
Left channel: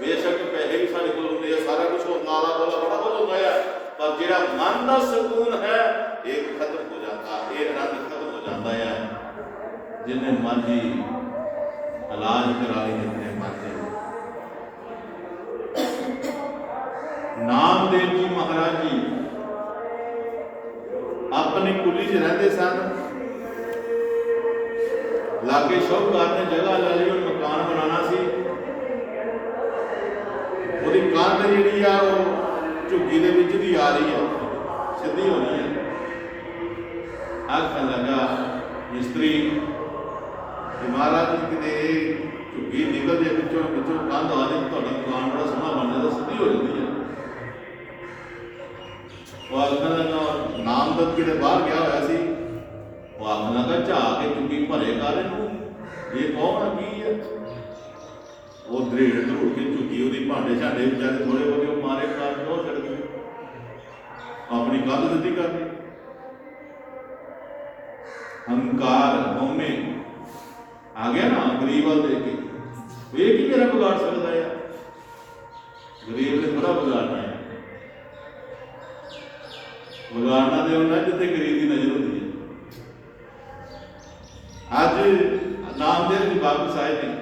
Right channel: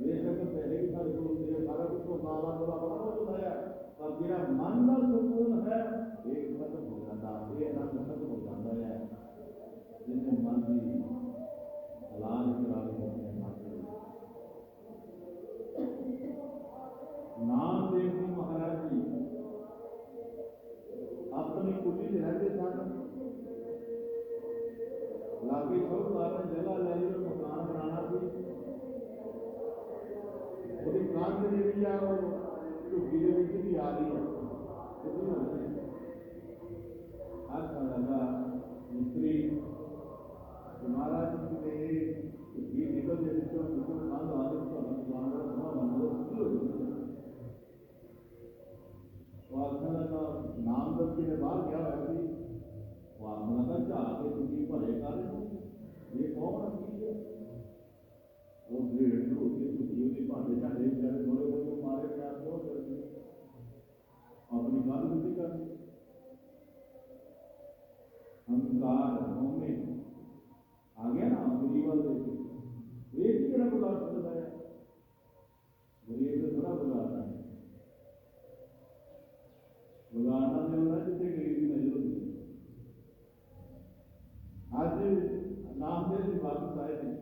बेशक पैसे भी साढ़े कोल होंदे आ, सारा कुछ होंदा, आला दुआला बड़ा कुछ होंदा है, पर जिहड़ा मन का सकून है एक खत्म हो जाता, एक आनंद खत्म हो जाता है। जिन्हें मर्जी इलाज करा ली, जितने मर्जी। नामदेव जी महाराज जी अपनी कुली च रहते सन, लागे शाहूकार ने जगह ले ली, मकान बनाना सी। ਉਹਦੀ ਕੰਧ ਜਿਹੜੀ ਆ ਉਹ ਝੁੱਗੀ ਦੇ ਵਿੱਚ ਦੀ ਆ ਰਹੀ ਹੈ, ਸਿੱਧੀ ਹੋਣੀ ਹੈ। ਆਖਣ ਲੱਗਾ ਮਿਸਤਰੀ ਕਿ ਮਹਾਰਾਜ ਜੀ ਕਿਤੇ ਝੁੱਗੀ ਨਿਕਲ ਜੇ ਵਿੱਚੋਂ ਕੰਧ ਆ ਜੇ, ਤੁਹਾਡੀ ਦੁਕਾਨ ਬੜਾ ਸੋਹਣਾ ਬਣ ਜਾਂਦਾ, ਸਿੱਧੀ ਹੋ ਜਾਂਦੀ ਹੈ। ਉਹ ਆਖਣ ਲੱਗਾ ਨਾਮਦਤ ਕਿਤੇ ਬਾਹਰ ਗਿਆ ਹੋਇਆ ਸੀ, ਉਹ ਆਖਣ ਲੱਗਾ ਝਾਕ ਕੇ ਝੁੱਗੀ ਭਰੇ ਕਰ ਇਹਨੂੰ, ਇਹ ਕੌਣ ਕੀ ਹੈ। वो दरेड़ धरूड़ के झुकी, वो भांडे झांडे बेचारे थोड़े बहुते मारे कार तो छड़ गए, अपनी कंध सिद्धी कर दी। हंकार हौमे आ गया ना गरीब वाल देख के, ये की मेरा बिगाड़ सकता है, गरीब ने थोड़ा बिगाड़ना है। बिगाड़ना तो होना जिथे गरीब की नजर होती है। अज नामदेव जी बाबू साहिब ने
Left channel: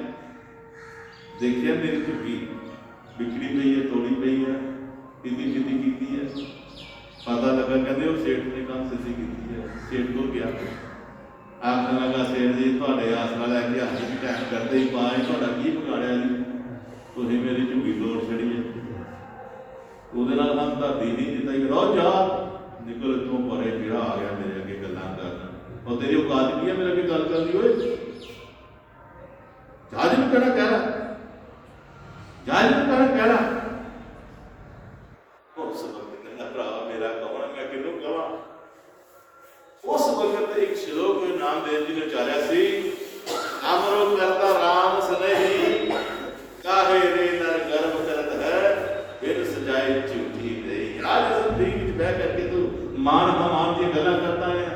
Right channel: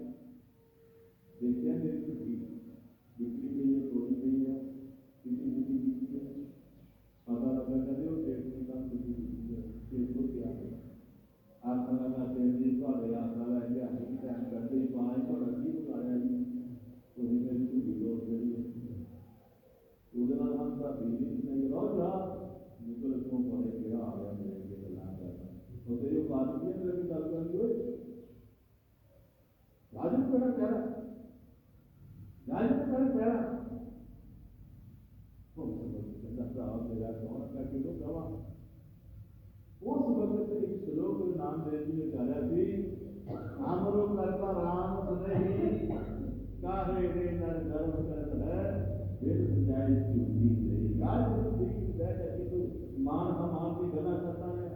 देखिए मेरी झुग्गी बिखड़ी पई है, तोड़ी पई है, सीधी सीधी की है। पता लगा कहते वो सेठ ने काम सीधी की है। सेठ को गया आखन लगा सेठ जी थोड़े आसरा लैके हज भी टाइम करते ही पाए, थोड़ा की बिगाड़िया जी, तुसीं मेरी झुग्गी तोड़ छड़ी है। ਉਹਦੇ ਨਾਲ हम धरती नहीं जिता ही रहो जा निकल इतों परे, किड़ा आ गया मेरे अगे गल्लां करना, और तेरी औकात की है मेरे अगे गल करनी। होए जहाज भी कहना कह रहा, जहाज भी कहना उस वक्त कहना भरा मेरा कौन, मैं किनू कहां। उस वक्त एक श्लोक नामदेव जी ने उचारिया सी, अमरो करता राम स्नेही, काहे रे नर गर्भ करत है, बिन सजाए झूठी रही। आज जिंदगी में बह करके तू मान हमान की गल्लां करता है,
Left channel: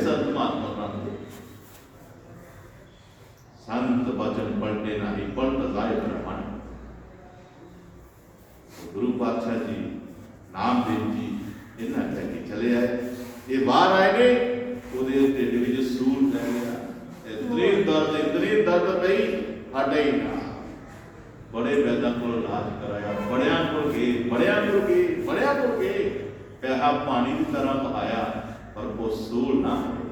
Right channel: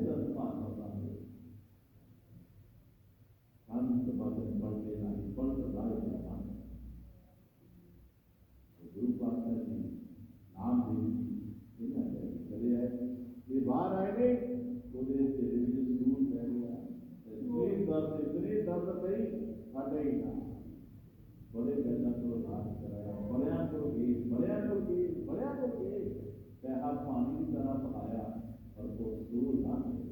संत महात्मा प्रांत संत वचन पलटे नहीं पलट जाए ब्रह्मण। गुरु पातशाह जी नामदेव जी इन्हें कह के चले आए। ये बाहर आए ने ਉਹਦੇ ਢਿੱਡ ਵਿੱਚ ਸੂਲ ਪੈ ਗਿਆ। इतनी दर्द पई हटे ही ना। बड़े वैद्य को इलाज कराया, बड़िया को गए पैसा पानी की तरह बहाया पर वो सूल ना हटे।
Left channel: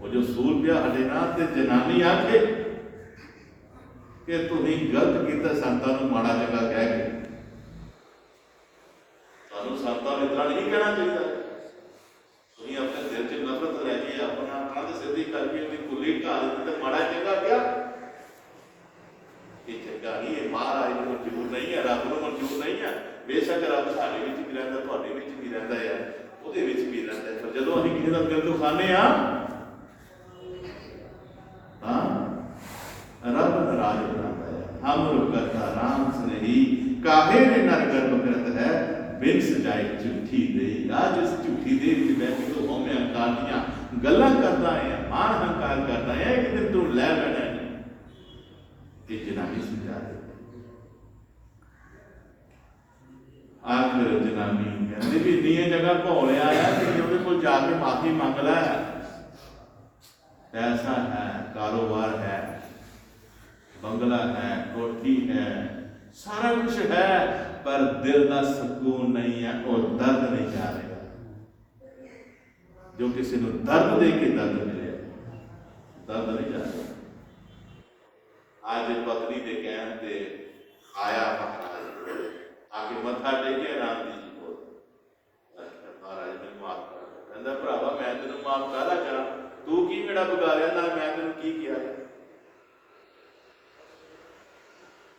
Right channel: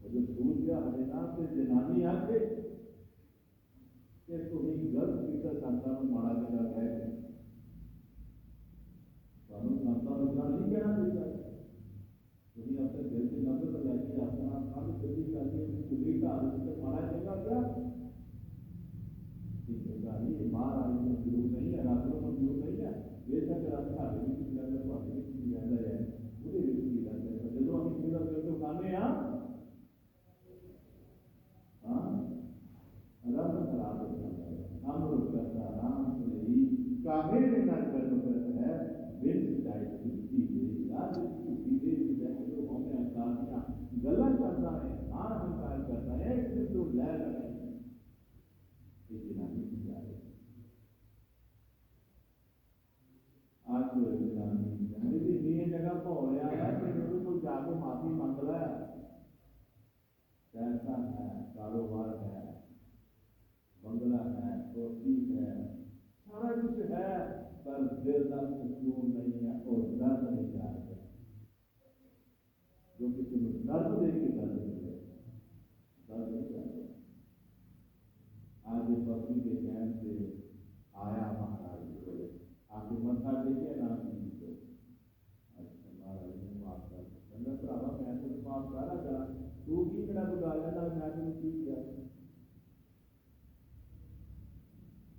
वो जो सूल पिया हटे ना ते जनानी आखे कि तुसीं गलत किया संतां नूं माड़ा चंगा कह के। सानूं संतां नूं इतना नहीं कहना चाहिए। तुसीं अपने दिल च नफरत लैके अपना कंध सिद्धी करके उहदी कुली ढा दित्ती ते माड़ा चंगा क्या? ये चंगा नहीं, ये महाराज नूं मंजूर नहीं है, रब नूं मंजूर नहीं है। बेशक रब साडे विच भी रहिंदा, तुहाडे विच भी रहिंदा है, ਉਹਦੇ ਵਿੱਚ ਵੀ ਰਹਿੰਦਾ ਹੈ। पर ਜਦੋਂ ਅਸੀਂ ਕਿਸੇ ਦਾ ਦਿਲ ਦੁਖਾਉਂਦੇ ਹਾਂ ਤਾਂ ਰੱਬ ਨਾਰਾਜ਼ ਹੋ ਜਾਂਦਾ ਹੈ। ਹਮ ਕਰਤਾ ਰਾਮ ਸਨੇਹੀ ਕਾਹੇ ਨੇ ਨਰ ਗਰਭ ਕਰਤ ਹੈ ਬਿਨ ਸਜਾਏ ਝੂਠੀ ਦੇ। ਅੱਜ ਇਸ ਝੂਠੀ ਦੇ ਵਿੱਚ ਬੈਠ ਕੇ ਉਹ ਹਉਮੈ ਹੰਕਾਰ ਦੀਆਂ ਗੱਲਾਂ ਕਰਦਾ ਹੈ, ਮਾਣ ਹੰਕਾਰ ਕਰਦਾ ਹੈ ਕਿ ਦਿਨ ਤੂੰ ਲੈ ਲੈਣਾ ਹੈ। ਇਹ ਜਨਾਨੀ ਸਮਝਾ ਦੇ। आखिर जनानी कहती भी इन्नी जगह घोलिया है कि ਉਹਦੇ ਕੋਲ ਜਾ ਕੇ माफी मंग लै। पैसा है, कारोबार है, बंगला है, कोठी है, सारा कुछ है पर दिल का सुकून नहीं है और दर्द नहीं जा रहा। जो किसी को दर्द दे के दर्द मिले, दर्द नहीं जा रहा। आज पत्नी के कहने से आया महाराज आके मत्था टेके राम जी को महाराज मैं माफ कर। कहता भरावा मैं तेन माफ काहदा करा, तू की मेरा बिगाड़िया ना, मैं तेन की किया?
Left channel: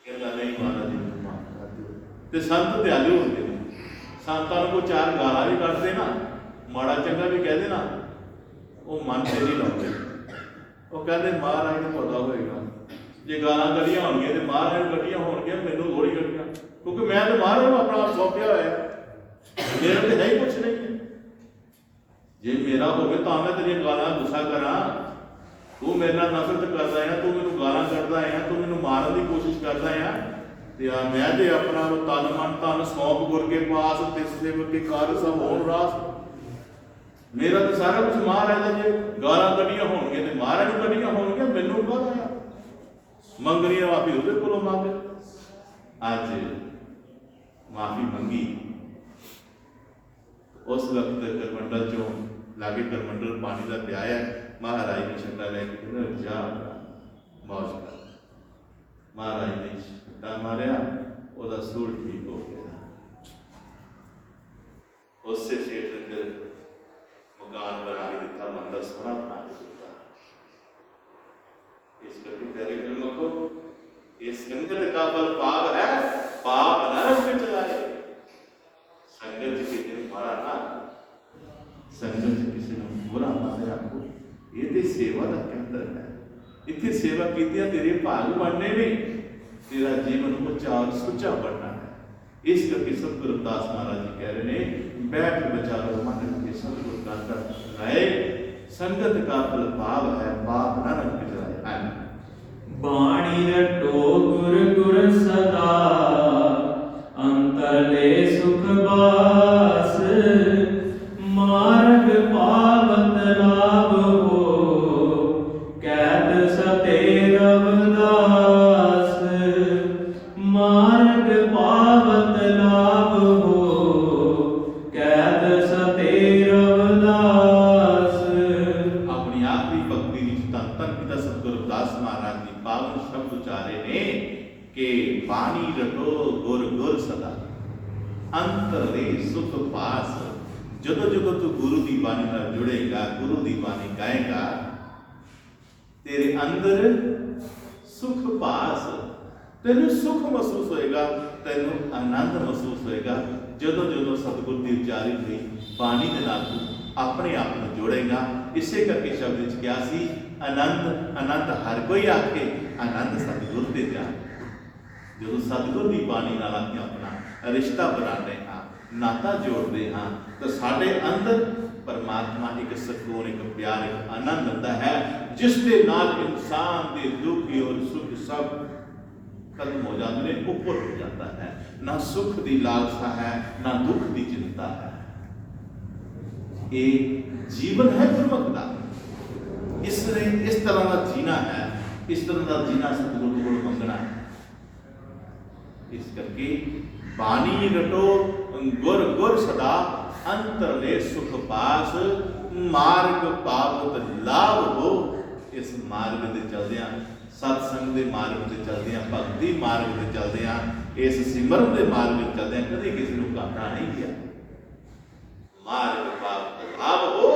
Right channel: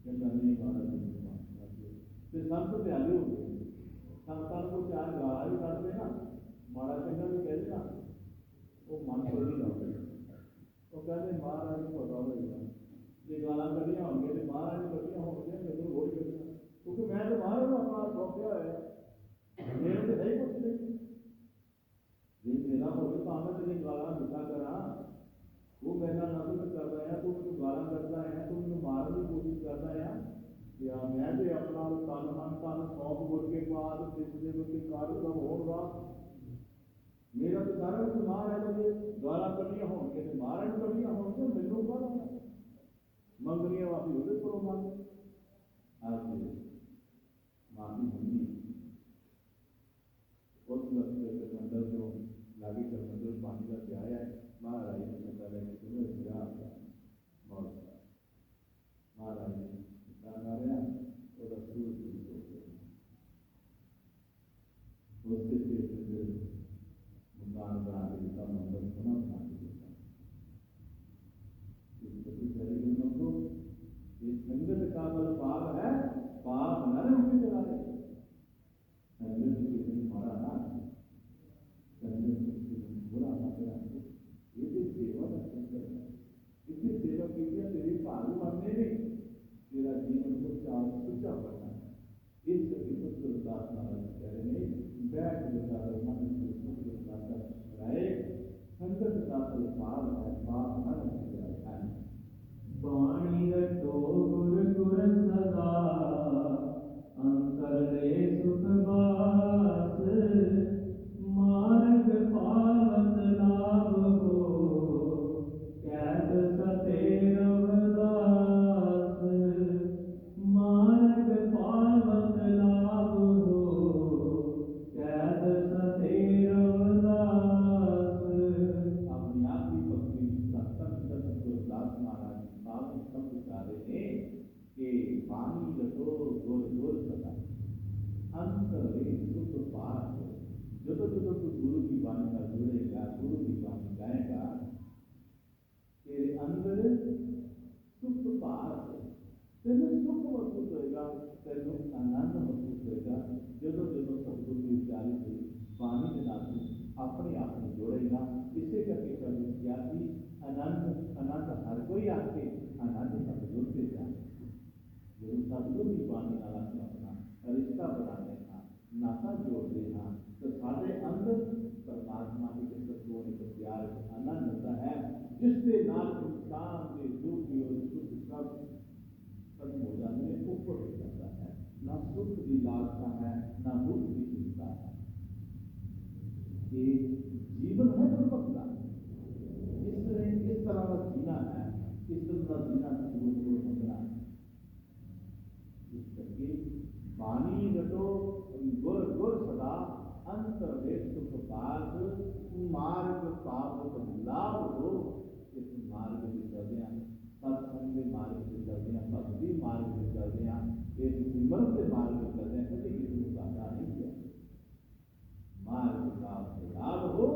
कहता नहीं महाराज जी मैं माफ कर दो। ते संत दयालु होंगे ने, संतां नूं कोई चार गालां भी कढ दे ना, माड़ा चंगा भी कह दे ना, वो मन से नहीं लाउंदे। वो कहते महाराज नूं पता होएगा जे गालां कढियां होणगीआं ते महाराज नूं कढियां होणगीआं, मैनूं थोड़ी कढियां, क्योंकि मैं तो महाराज को अपना आप सौंपया होया, मेरा तो है ही कुछ नहीं है। जे मेरा होवे तो मैं तेरी गालां गुस्सा करा, तू मेरे नाल नफरत करदा है, तू मैनूं गालां कढदा है, तू मैनूं मारन दी कोशिश करदा है, ते मैं ते अपना तन मन धन सौंप गुर के पास तिस सेवक के कार्य सब होण रास। मेरा तो सारा कुछ महाराज दा। जे गालां कढियां होणगीआं ते महाराज नूं कढियां होणगीआं, मैनूं काहदा है? मंगनी माफी उसदे कोलों मंग। अज माफी मंगी, उस वक्त करमंडल चो लागे करमंडल पानी का पियाया, महाराज ने छट्टा लैके कहते जा मौज कर। महाराज ने छट्टा मारिया, वह सूल ठीक हो गया। उससे सेठ अंदर मकान बना के दिता, मंदिर सोहना बना के दिता। इस करके तेरे घर मखो इस संगत का फल पाप है, पाप नरक में चलाए। संगत किसी ने मारा ना, संगत किसी ने बुरा मारे आपको, ये तो सेवा का केंद्र है। इतनी सेवा की तेरे भाग बनने में, तेरा जीवन को चार सुचा बनना है। इस करके सतगुरु रविदास महाराज जी कह रहे हैं, बैठ विचारो मन के सतगुरु का रहे, संगत का फल पाप है, पाप नरक में चलाए। बाणी रटो गुर गुर सदा, अंतरले सुख बास, मार्ग पावत लाभ हो, कैत सते रविदास। मार्ग पावत लाभ हो, कैत सते रविदास। अपनी आखिरी भक्ति धन धन पिता सतगुरु रविदास महाराज जी पावन शब्द उचारे ने कि बाणी रटो गुर गुर सदा, अंतरे सुख पास। जदों जदों तू गुरु की बाणी नाल जुड़ेगा, गुरु की बाणी गाएगा, तेरे अंदर सुख पास, तेनू सुख महसूस होएगा, तेनू आनंद महसूस होएगा। जदों जदों सतगुरु की उचारी हुई बाणी के नाल तू अपने आप को जोड़ेगा। इसे करके शब्द क्या सी, आनंद आनंद हर कोई आखे, आनंद सतगुरु दे जा। जो सतगुरु की बाणी नाल अपना रिश्ता बनाते हाँ, नाता जोड़ते हाँ, तो साढ़े अंदर परमात्मा एक सुकून, एक प्यार, एक आनंद दिंदा है, जिस दे नाल इंसान के दुख और सुख सब खत्म हो जाते हैं, ऊपर हो जाता है। ना सुख की लालसा है, ना दुख की चिंता है। ये जीवन है गुरमुख का। इस तरह का जीना है, इस तरह का जीना सतगुरु को मंगना है। इस करके बानी रटो गुर गुर सदा, अंतर ले सुख पास, मार्ग पावत लाभ हो। इस मार्ग से चलदियां, सत्संग के मार्ग से चलदियां, भक्ति मार्ग से चलदियां, इस सिमरन के मार्ग से चलदियां कभी किसी को घाटा नहीं किया। मार्ग पावत लाभ हो,